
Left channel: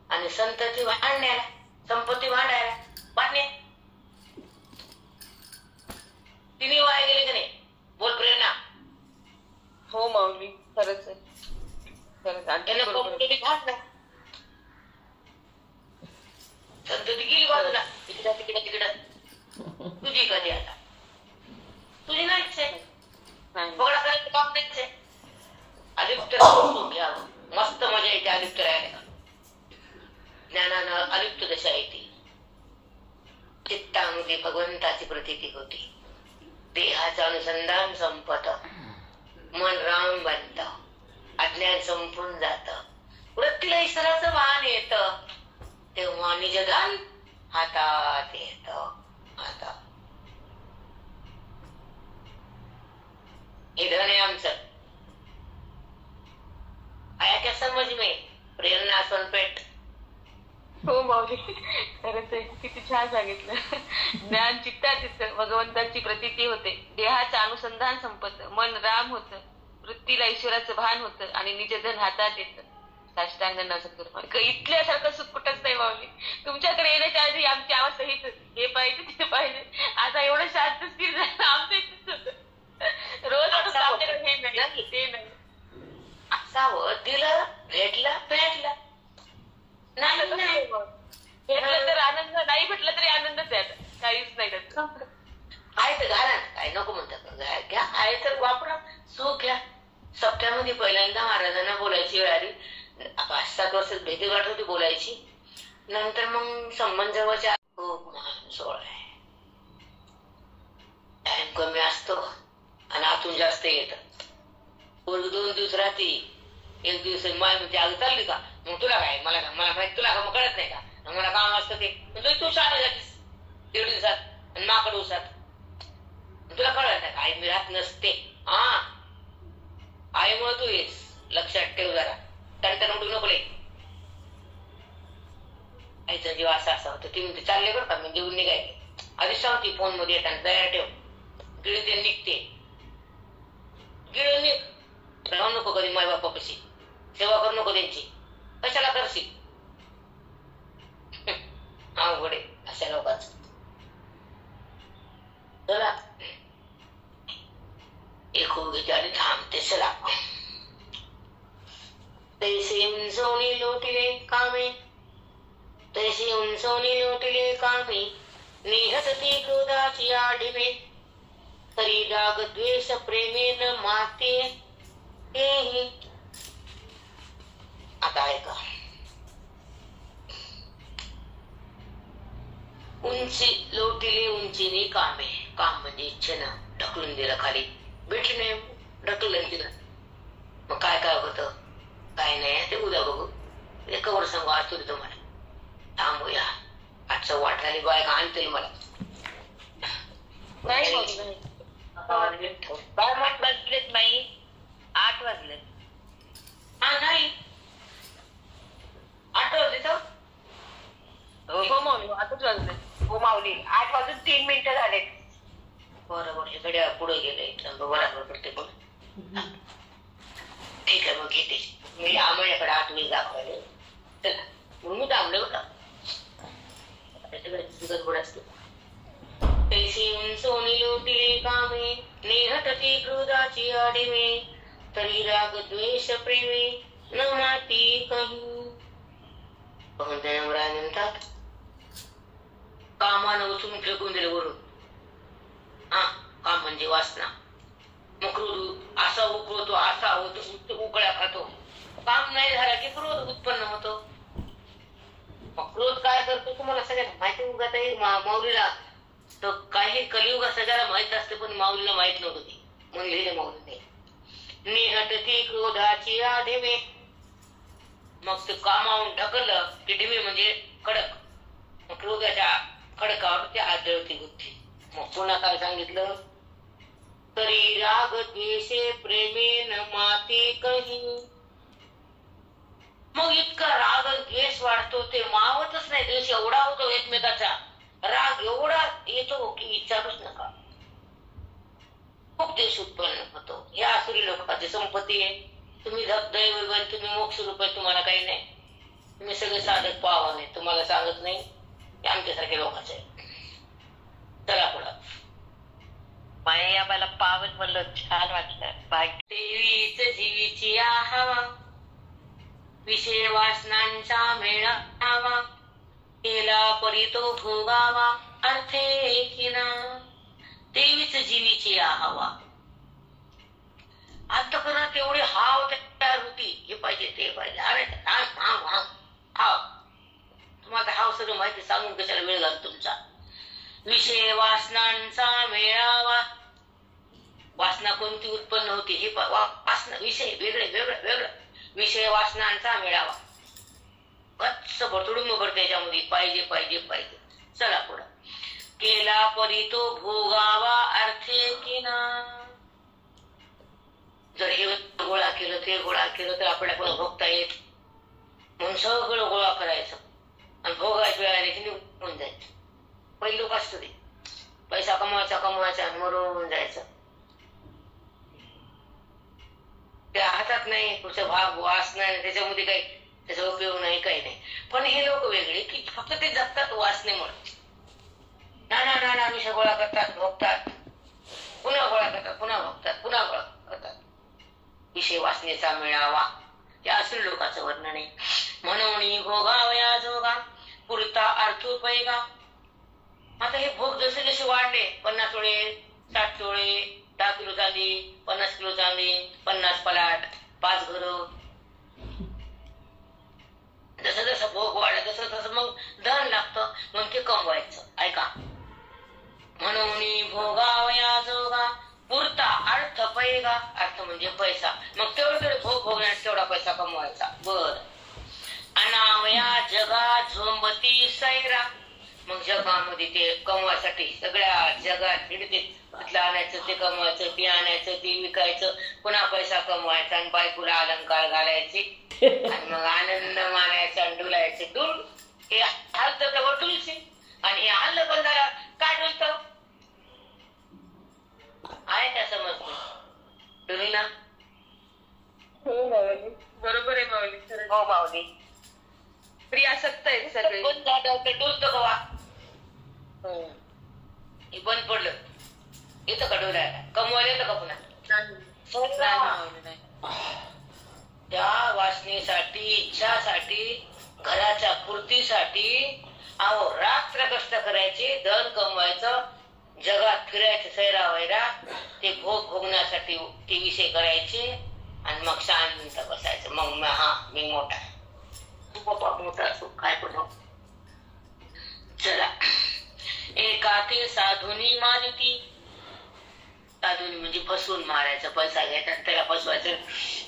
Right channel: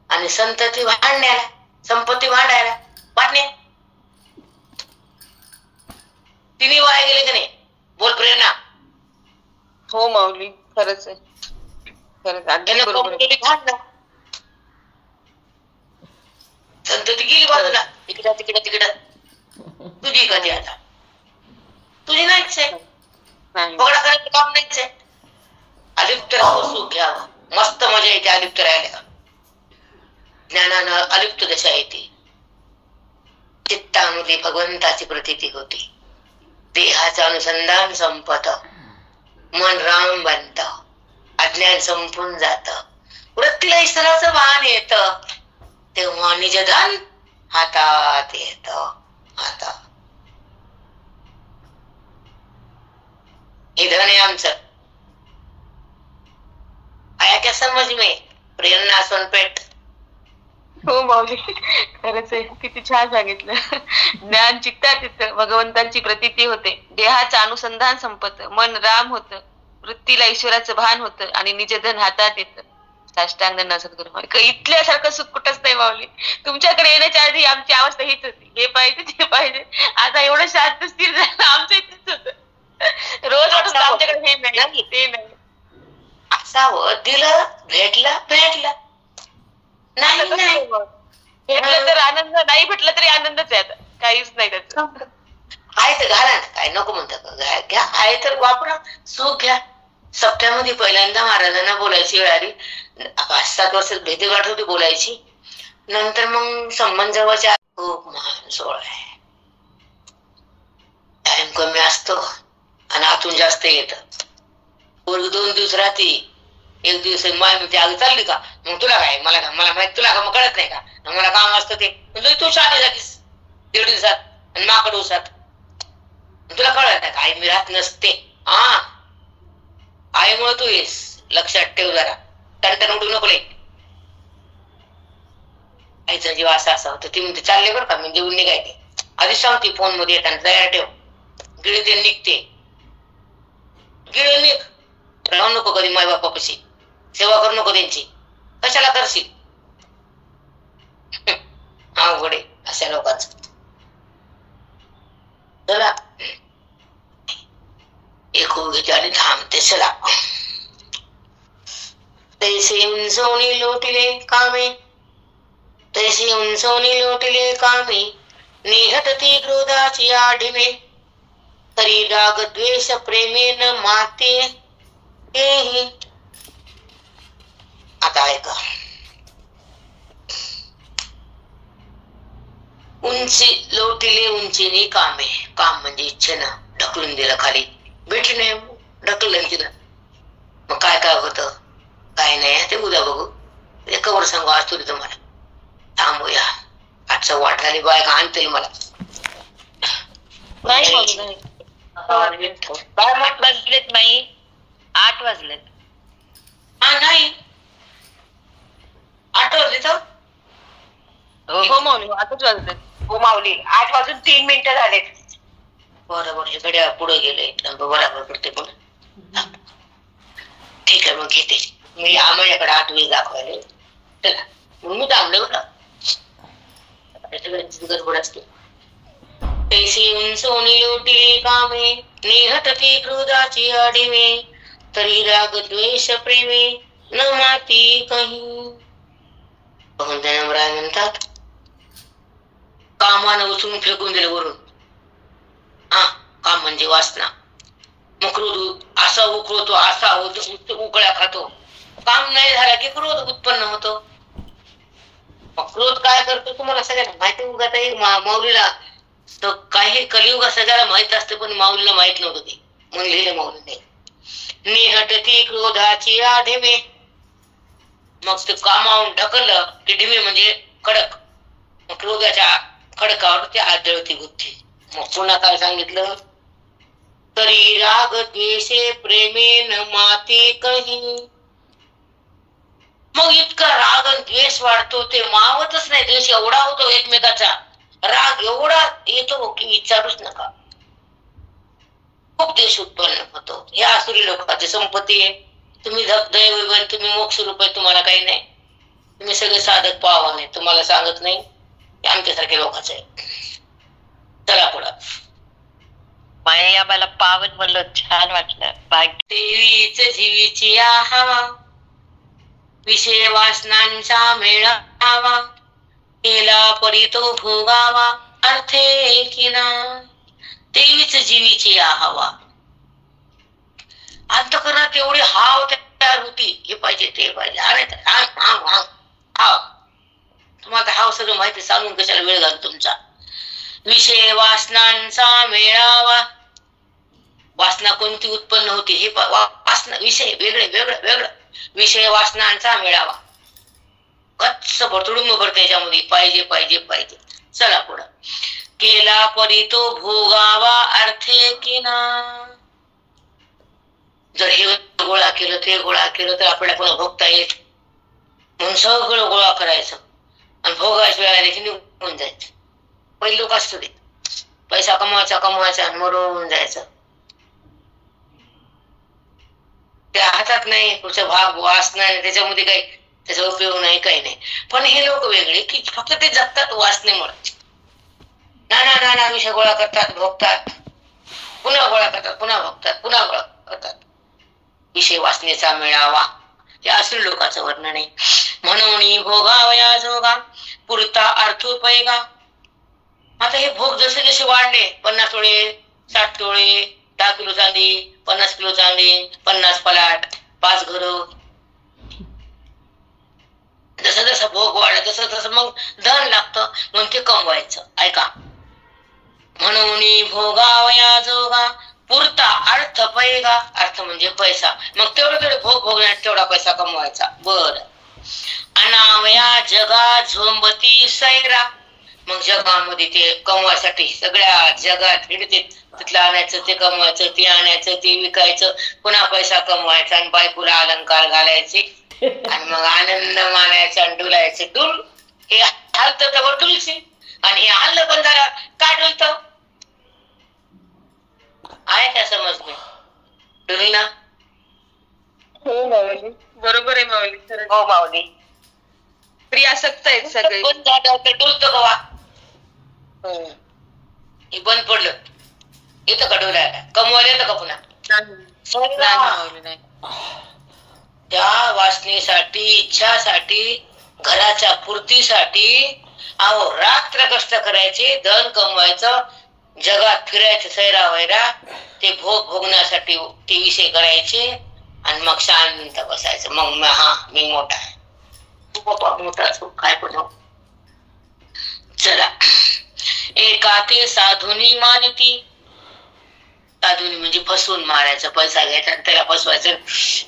आणि संतती भांडण्याला, संपत्ती भांडायला, वाटणे. तिने वाया गेले का नाही? बोल प्रेरणा. हो माऊली, खरंच आहे, खरंच अगदी बरोबर. संतती गेली बाजूला, तिकडं तिकडं तिकडं. तुझी कधी आता तुझी नाहीच आहे, पगडा करायचं काम नाहीच आहे. अलिप्त राहावं, सुख घ्यावं, मस्त मजा येते अलिप्त राहायला. ज्ञानानं अलिप्त दशा येते, चित्तामध्ये भगवंताची प्रतीती होती, देहाचं अनुसंधान संपत, मन राम बनत, अज्ञान संपून जात, वृत्तीला ईश्वराचं भान येत, तेव्हा निजधन हातात येत. हातात हे धन आहे आमचं. आया क्या समज में? प्रेरणा सोनपेठ. हो माऊली, खरंच आहे, किती छान सांगितलं. ज्ञान चित्तात येतं, भगवंताची प्रतीती होते, देहाचं अनुसंधान संपत, मन राम होतं, वृत्तीला ईश्वराचं भान होतं, आणि निजधन हातात येतं. साष्टांग नसत इथल्यासारखं सुख कुठंच नाही माऊली. तुमच्याकडे येण्याच्या आधी आमची अवस्था हीच होती, हे पाहिजे ते पाहिजे. आता एवढं शांत स्थिर झालं आमचं इथेच होत. रोज वाटत आमच्याकडे हे नाही ते नाही. असावं, दिलं, भेटलं भेटलं, नाही भेटलं तर आनंद, नाही भेटलं तरी आनंदच आहे. आता काहीच नाही त्याचं. आहे तर घाला ना, काय नको म्हणतात, घ्या, आहे तर वापरा, सुख घ्या. सप्त्यामध्ये पहिल्यांदा महाराजांना बोलायची वेळ आली, 5-7 वर्ष भेटीगाठ होती बोलायची. नंतर मग संबंध जवळच्या, खूप महान सोहळा आहे, टाइम कमी असतो आणि आतून जास्त येत. 2 दिवस राहते, 1 दिवस माय म्हणते आग चालली का, मग तुला काय, मला माहित, तुला का मग कळत नाही का, मला काम असतं ते. तू शाळेत जातीस 1.5 दिवसात आणि माकड दिवसात, तुला कळत नाही का, आई मी राहत नसते. हा, आईमुळे तू येस, लक्षात ठेव जरा, टणटण उडू नको लई. आईचा जीव असा होता. ती म्हणते चालले बरं का, मी जेवून निघायचे, आधीच सांगते फोन मध्ये येताना तयार ठेव, गिळी ते निघते, गिळी निघ, राहू नको कधी माय बापापाशी, सेवा करू नको त्यांची, कशाला करशील. अवघड आहे अशा लोकांचं. चला एक घेते आणि थांबते. चला तैसे उंचवणी लोटिले कामे, तैसे उंचवणी लोटिले कामे, निहटती क्रोधाची आढिमे, तरी राग द्वेष प्रेमेन माते हेही. आता ऐका. उंची लोटिले उंचीने कामे, काम म्हणजे इच्छेनं ढकलून दिलं खाली, भेटली नाही ढकललं तिला. मग काय काय होतं काय नाही ते उद्या बघू. ते कवर सांगू आज तुला तुम्हाला. थांबूया आजचं वाटाली बायका आणतील मला. वाजलेत नाही 8 वाजलेत. हा नाही 8 वाजले तर हो माऊली 8च वाजलेत. हो माऊली 8 वाजून 3 मिनिटं झालेत. बरोबर हे घड्याळ पुढे गेले बरोबर करते पण. ठीक आहे मग घेते मी आम्हाकडे 8 वेळ दाखवायला. चला मग मी थांबले बघा. गडबड असते. तैसी उंचवणी लोटिले कामे, निहटती क्रोधाची आढिमे, तरी राग द्वेष प्रेमे न माती काही. राय म्हणतात कामानं उचलून फेकून दिले वरून. हा काम म्हणजे वासना. मग क्रोध असा उकळतो असा होतो उकळ्या खातो. काम नाही झाला की क्रोध उत्पन्न होतो. क्रोध काय करतो तुम्हाला सगळ्यांना माहिती. उगाच एक माऊलीला काही कलियुगा सगळ्याला माहित असते पण माऊलीला माहित नव्हतं ते म्हणून लिहिलं माऊलीने. निहटती क्रोधाची आढिमे. मग ते कामावून ढकललं की ढिमे म्हणजे कडक. मग क्रोधाच्या खडकावर ते आदळती बुद्धी. मग पुन्हा काय सांगितलं तरी राग द्वेषे प्रेमेन माते कही. मग इतका राग आणि द्वेष वाढतो ते मावतच नाही. द्वेष एवढा होतो एकमेकाचा, राग एवढा येतो की विचारूच नका. खूप द्वेष उत्पन्न होतो. या आसुरी लोकांची संपत्ती आहे. तुम्ही दैव तुम्ही मोक्ष रुपये तुम्हाला काही नाही. तुम्ही सगळे साधक पावा नाही. तुम्हाला सांगत नाही आमच्यासारख्या लोकांचं आहे. चला पुढं. माया मला पावन म्हणलं छान वाटलं. देवीच जीवीची हवा, विषय वासनांचा मेळावा, केला परी तो भोगावा अर्थे किना. देवीच जीवीची हवा. अंतःकरणात एवढी हाव तयार होती. हे पाहिजे ते पाहिजे. अरे हाव तुम्हाला हाव सगळं माहिती सांगून कशाला वेळ घाल तुमचा. विषय वासनांचा मेळावा. वासना कोणती उत्पन्न होती हे वासना विषय वेगळे वेगळं वेगळं. विषय वासनांचा मेळावा. गच्च भरतुडूंब भरते त्याच्यामध्ये पाहिजे पाहिजे पाहिजे. चला पुढं. केला परी तो भोगावा अर्थे किना. जर हे गोळा केलं ते गोळा केलं तर आपल्याला पुन्हा भोगता येत म्हणून सगळं गोळा करायचं आणि भोगायच्या वेळा देखील निघून जायचं. पहिले लोक असतो ते पैसा कमवायचा आणि मरून जायचं. त्या हातात नाही पुढचा भाग वासना नाही त्याच्यामध्ये काही त्याचा उपयोग नाही काही नाही. पण हे लोक वेगळे की फक्त ते जगतात वासनेमुळे. नाना विषय गोळा करतात भोगतात पुन्हा गोळा करतात पुन्हा भोगतात पुन्हा गोळा करतात. विषय वासनेचा मेळावा हे असले लोकांचं वर्णन आहे. म्हणून भोगावया जोगा पुरता अर्थोपयोगा. आता हे भोग जसे जसे वाढले 50 तोळे 60 तोळे 10 किलो चांदी 50 किलो चांदी 50 पलाट 5 घरं. जसं जसं भोग वाढत तसं तसं मग धन लागतं म्हणून ते कमवायचं. ऐका. म्हणून भोगावया जोगा पुरता अर्थ पैगा. अर्थ म्हणजे पैसा. मग तेवढे भोग भोगण्यात तेवढा पैसा कमवायचा. बर. अनावया जगा झोंबती सैरा. मग जगामध्ये ते कमवायसाठी सगळ्या जगात हिंडते. तिथलं आणायचं ते कमवायचं ते आणायचं ते विकायचं पुन्हा पैसा कमवायचा आणि बायकोला अलंकार घालायचे आणि मग आनंद मानायचा आणि डुलायचे. डुल हे हलतं तर डुलचे आणि हे हल्लं पण झालं काय डुलतं आहे का समज नाही. डुल ना. हो माऊली बरोबर आहे माऊली. हो माऊली. प्रियासक्त आहेत सगळे. बंद झालं तर डुलतं कवा. हे बंद पडलं येतं का डोळ्याला? कमवायला येतं का पुन्हा? नाही माऊली नाही. त्या वासनेसाठी, इच्छासाठी, घराच्या पूर्तीसाठी अहो रात्र कष्ट करायचे, धन कमवायचं, जगात फिरायचं, सैरा वैरा, ते भोग भोगण्यासाठी ते विषय करायचे आणि मग शांत बसायचं. मग हा मी मोठा आहे, तू बाबा मोठा काय पण. चला, एका ते साधुनी मानिती. साधुनी म्हणजे फसवून मारायचं, पैसा घ्यायचा आणि त्याला फसवायचं.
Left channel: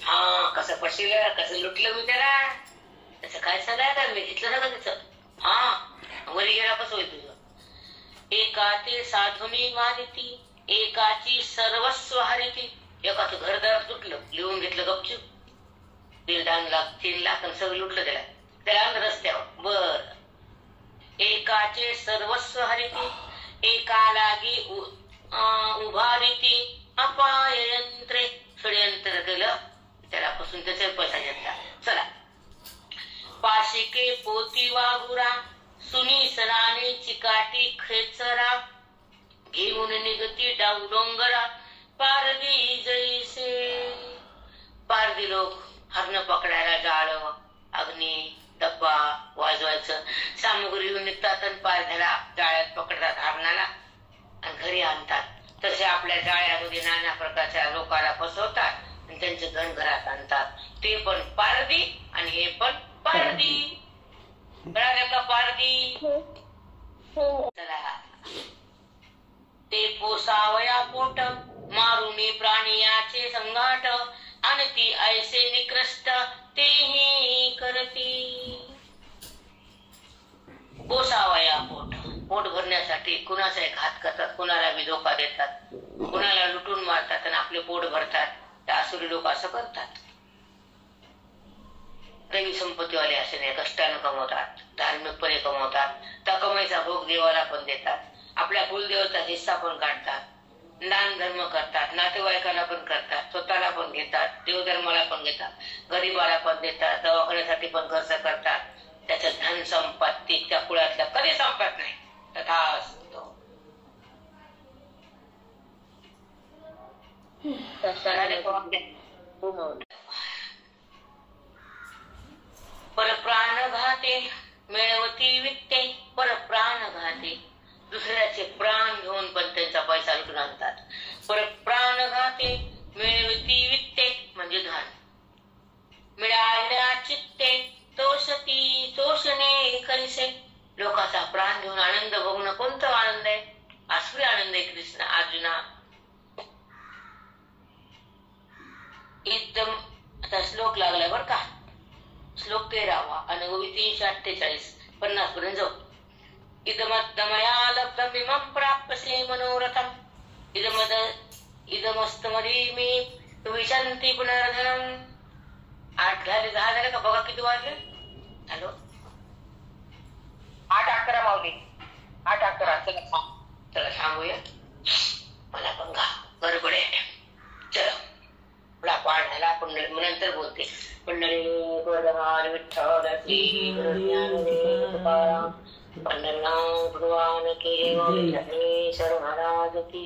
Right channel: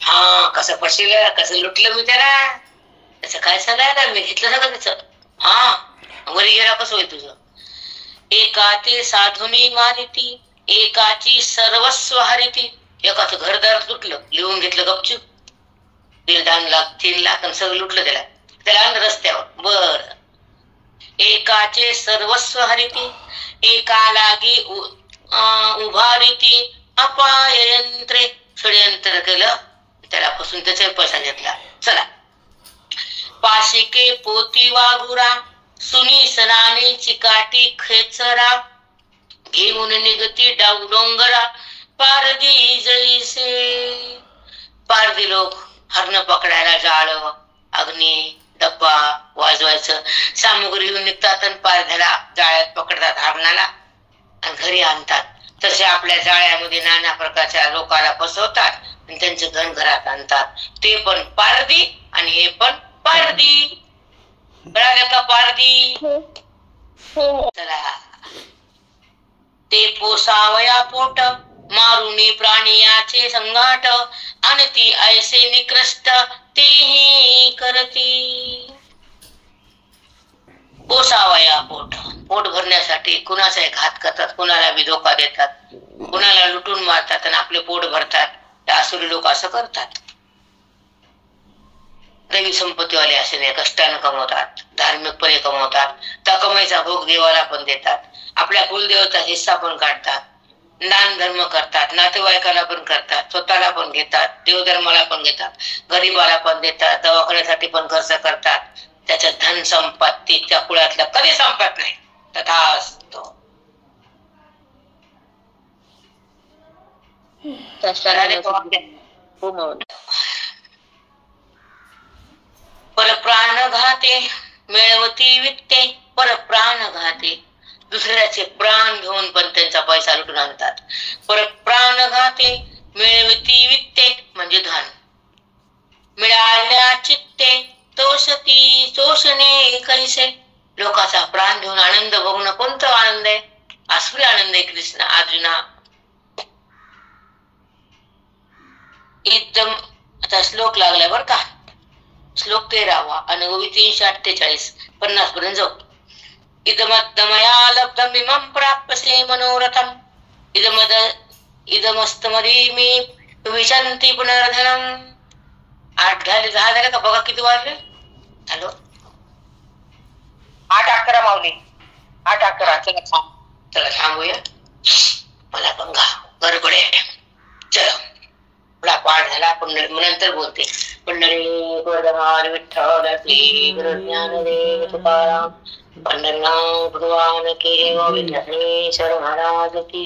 हा कसं फसलं, कसं लुटलं मी त्याला, त्याचं काय सांगायला, मी घेतलं सगळं त्याचं. हा वरी गेला कसं होईल तुझं. एका ते साधुनी मानिती, एकाची सर्वस्व हरिती. एकाचं घरदार लुटलं, लिहून घेतलं गपचूप, 1.5 लाख 3 लाख आणि सगळं लुटलं त्याला, त्याला आणलं रस्त्यावर. बर, एकाचे सर्वस्व हरिती, एका लागी उभारिती, अपाय यंत्रे. षडयंत्र केलं, त्याला फसून त्याचा पैसा घेतला. चला, पाशिके पोती वाघुरा, सुनी सराने चिकाटी खेचरा, घेऊन निगती डोंगरा, पारदी जैसे. पारदी लोक हरण पकडायला जाळ, अग्नी, डब्बा वाजवायचं, सामुग्री घेऊन निघतात आणि पारध्याला जाळ्यात पकडतात, हरणाला आणि घरी आणतात. तसे आपल्या जाळ्यामध्ये नाना प्रकारच्या लोकांना फसवतात आणि त्यांचे धन घरात आणतात. ते पण पारदी आणि हे पण पारदी. कळालं का पारदी? चला, ते पोसावया पोट, मारुनी प्राणियाचे संघाट, आणि ती ऐसे निकृष्ट तेही करती. पोसावया पोट, पोट भरण्यासाठी कुणाचाही घात करतात, कुणाला बी धोका देतात, कुणाला लुटून मारतात आणि आपले पोट भरतात. त्या आसुरी लोक असं करतात. दैवी संपत्तीवाले असे नाही, कष्टानं कमवतात, धार्मिकपणे कमवतात, त्या कमाईचा भोग देवाला पण देतात, आपल्या कुलदेवता हिस्सा पण काढतात, दान धर्म करतात, नातेवाईकाला पण करतात, स्वतःला पण घेतात, देवधर्माला पण घेतात, गरीबाला पण देतात, दवाखान्यासाठी पण खर्च करतात. त्याच्या धन संपत्ती त्या कुळातल्या कधी संपत नाही. तथास्तु. परप्राण घाते मिळवती वित्ते, परप्राण घाते. दुसऱ्याचे प्राण घेऊन पण त्यांचा पैसा लुटून आणतात. परप्राण घाते मिळवती वित्ते म्हणजे धन. मिळाल्या चित्ते तोषती शोषणे कैसे. लोकांचा प्राण घेऊन आनंद बघणं कोणता आनंद आहे? आसुरी आनंद आहे. कृष्ण अर्जुना एकदम. आता श्लोक लागलाय बर का, श्लोक 13वा अनुगवी 348 50 पर्यंत जाऊ. इदमत्तमया लब्धम इमं प्राप्यसे मनोरथम, इदमस्तमरी मे विशंती पुनर्धनम. 8 झाले, 10 झाले का बघा किती वाजले. हॅलो, 8:11 माऊली, 8:11. चला थांबूया, मला पण गडबड आहे. चला, थोडा पाठ झाला, पण नंतर बोलते. पंढरी गोवर्धन विठ्ठल श्री गुरु ज्ञानदेव तुकाराम, पंढरनाथ भगवान की विठ्ठलेश्वर महाराज की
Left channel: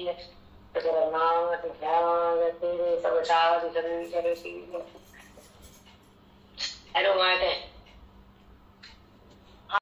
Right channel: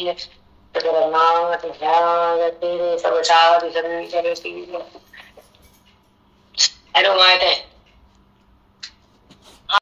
जगन्नाथ ध्यान तेरे सब साधु संत. हॅलो माहित आहे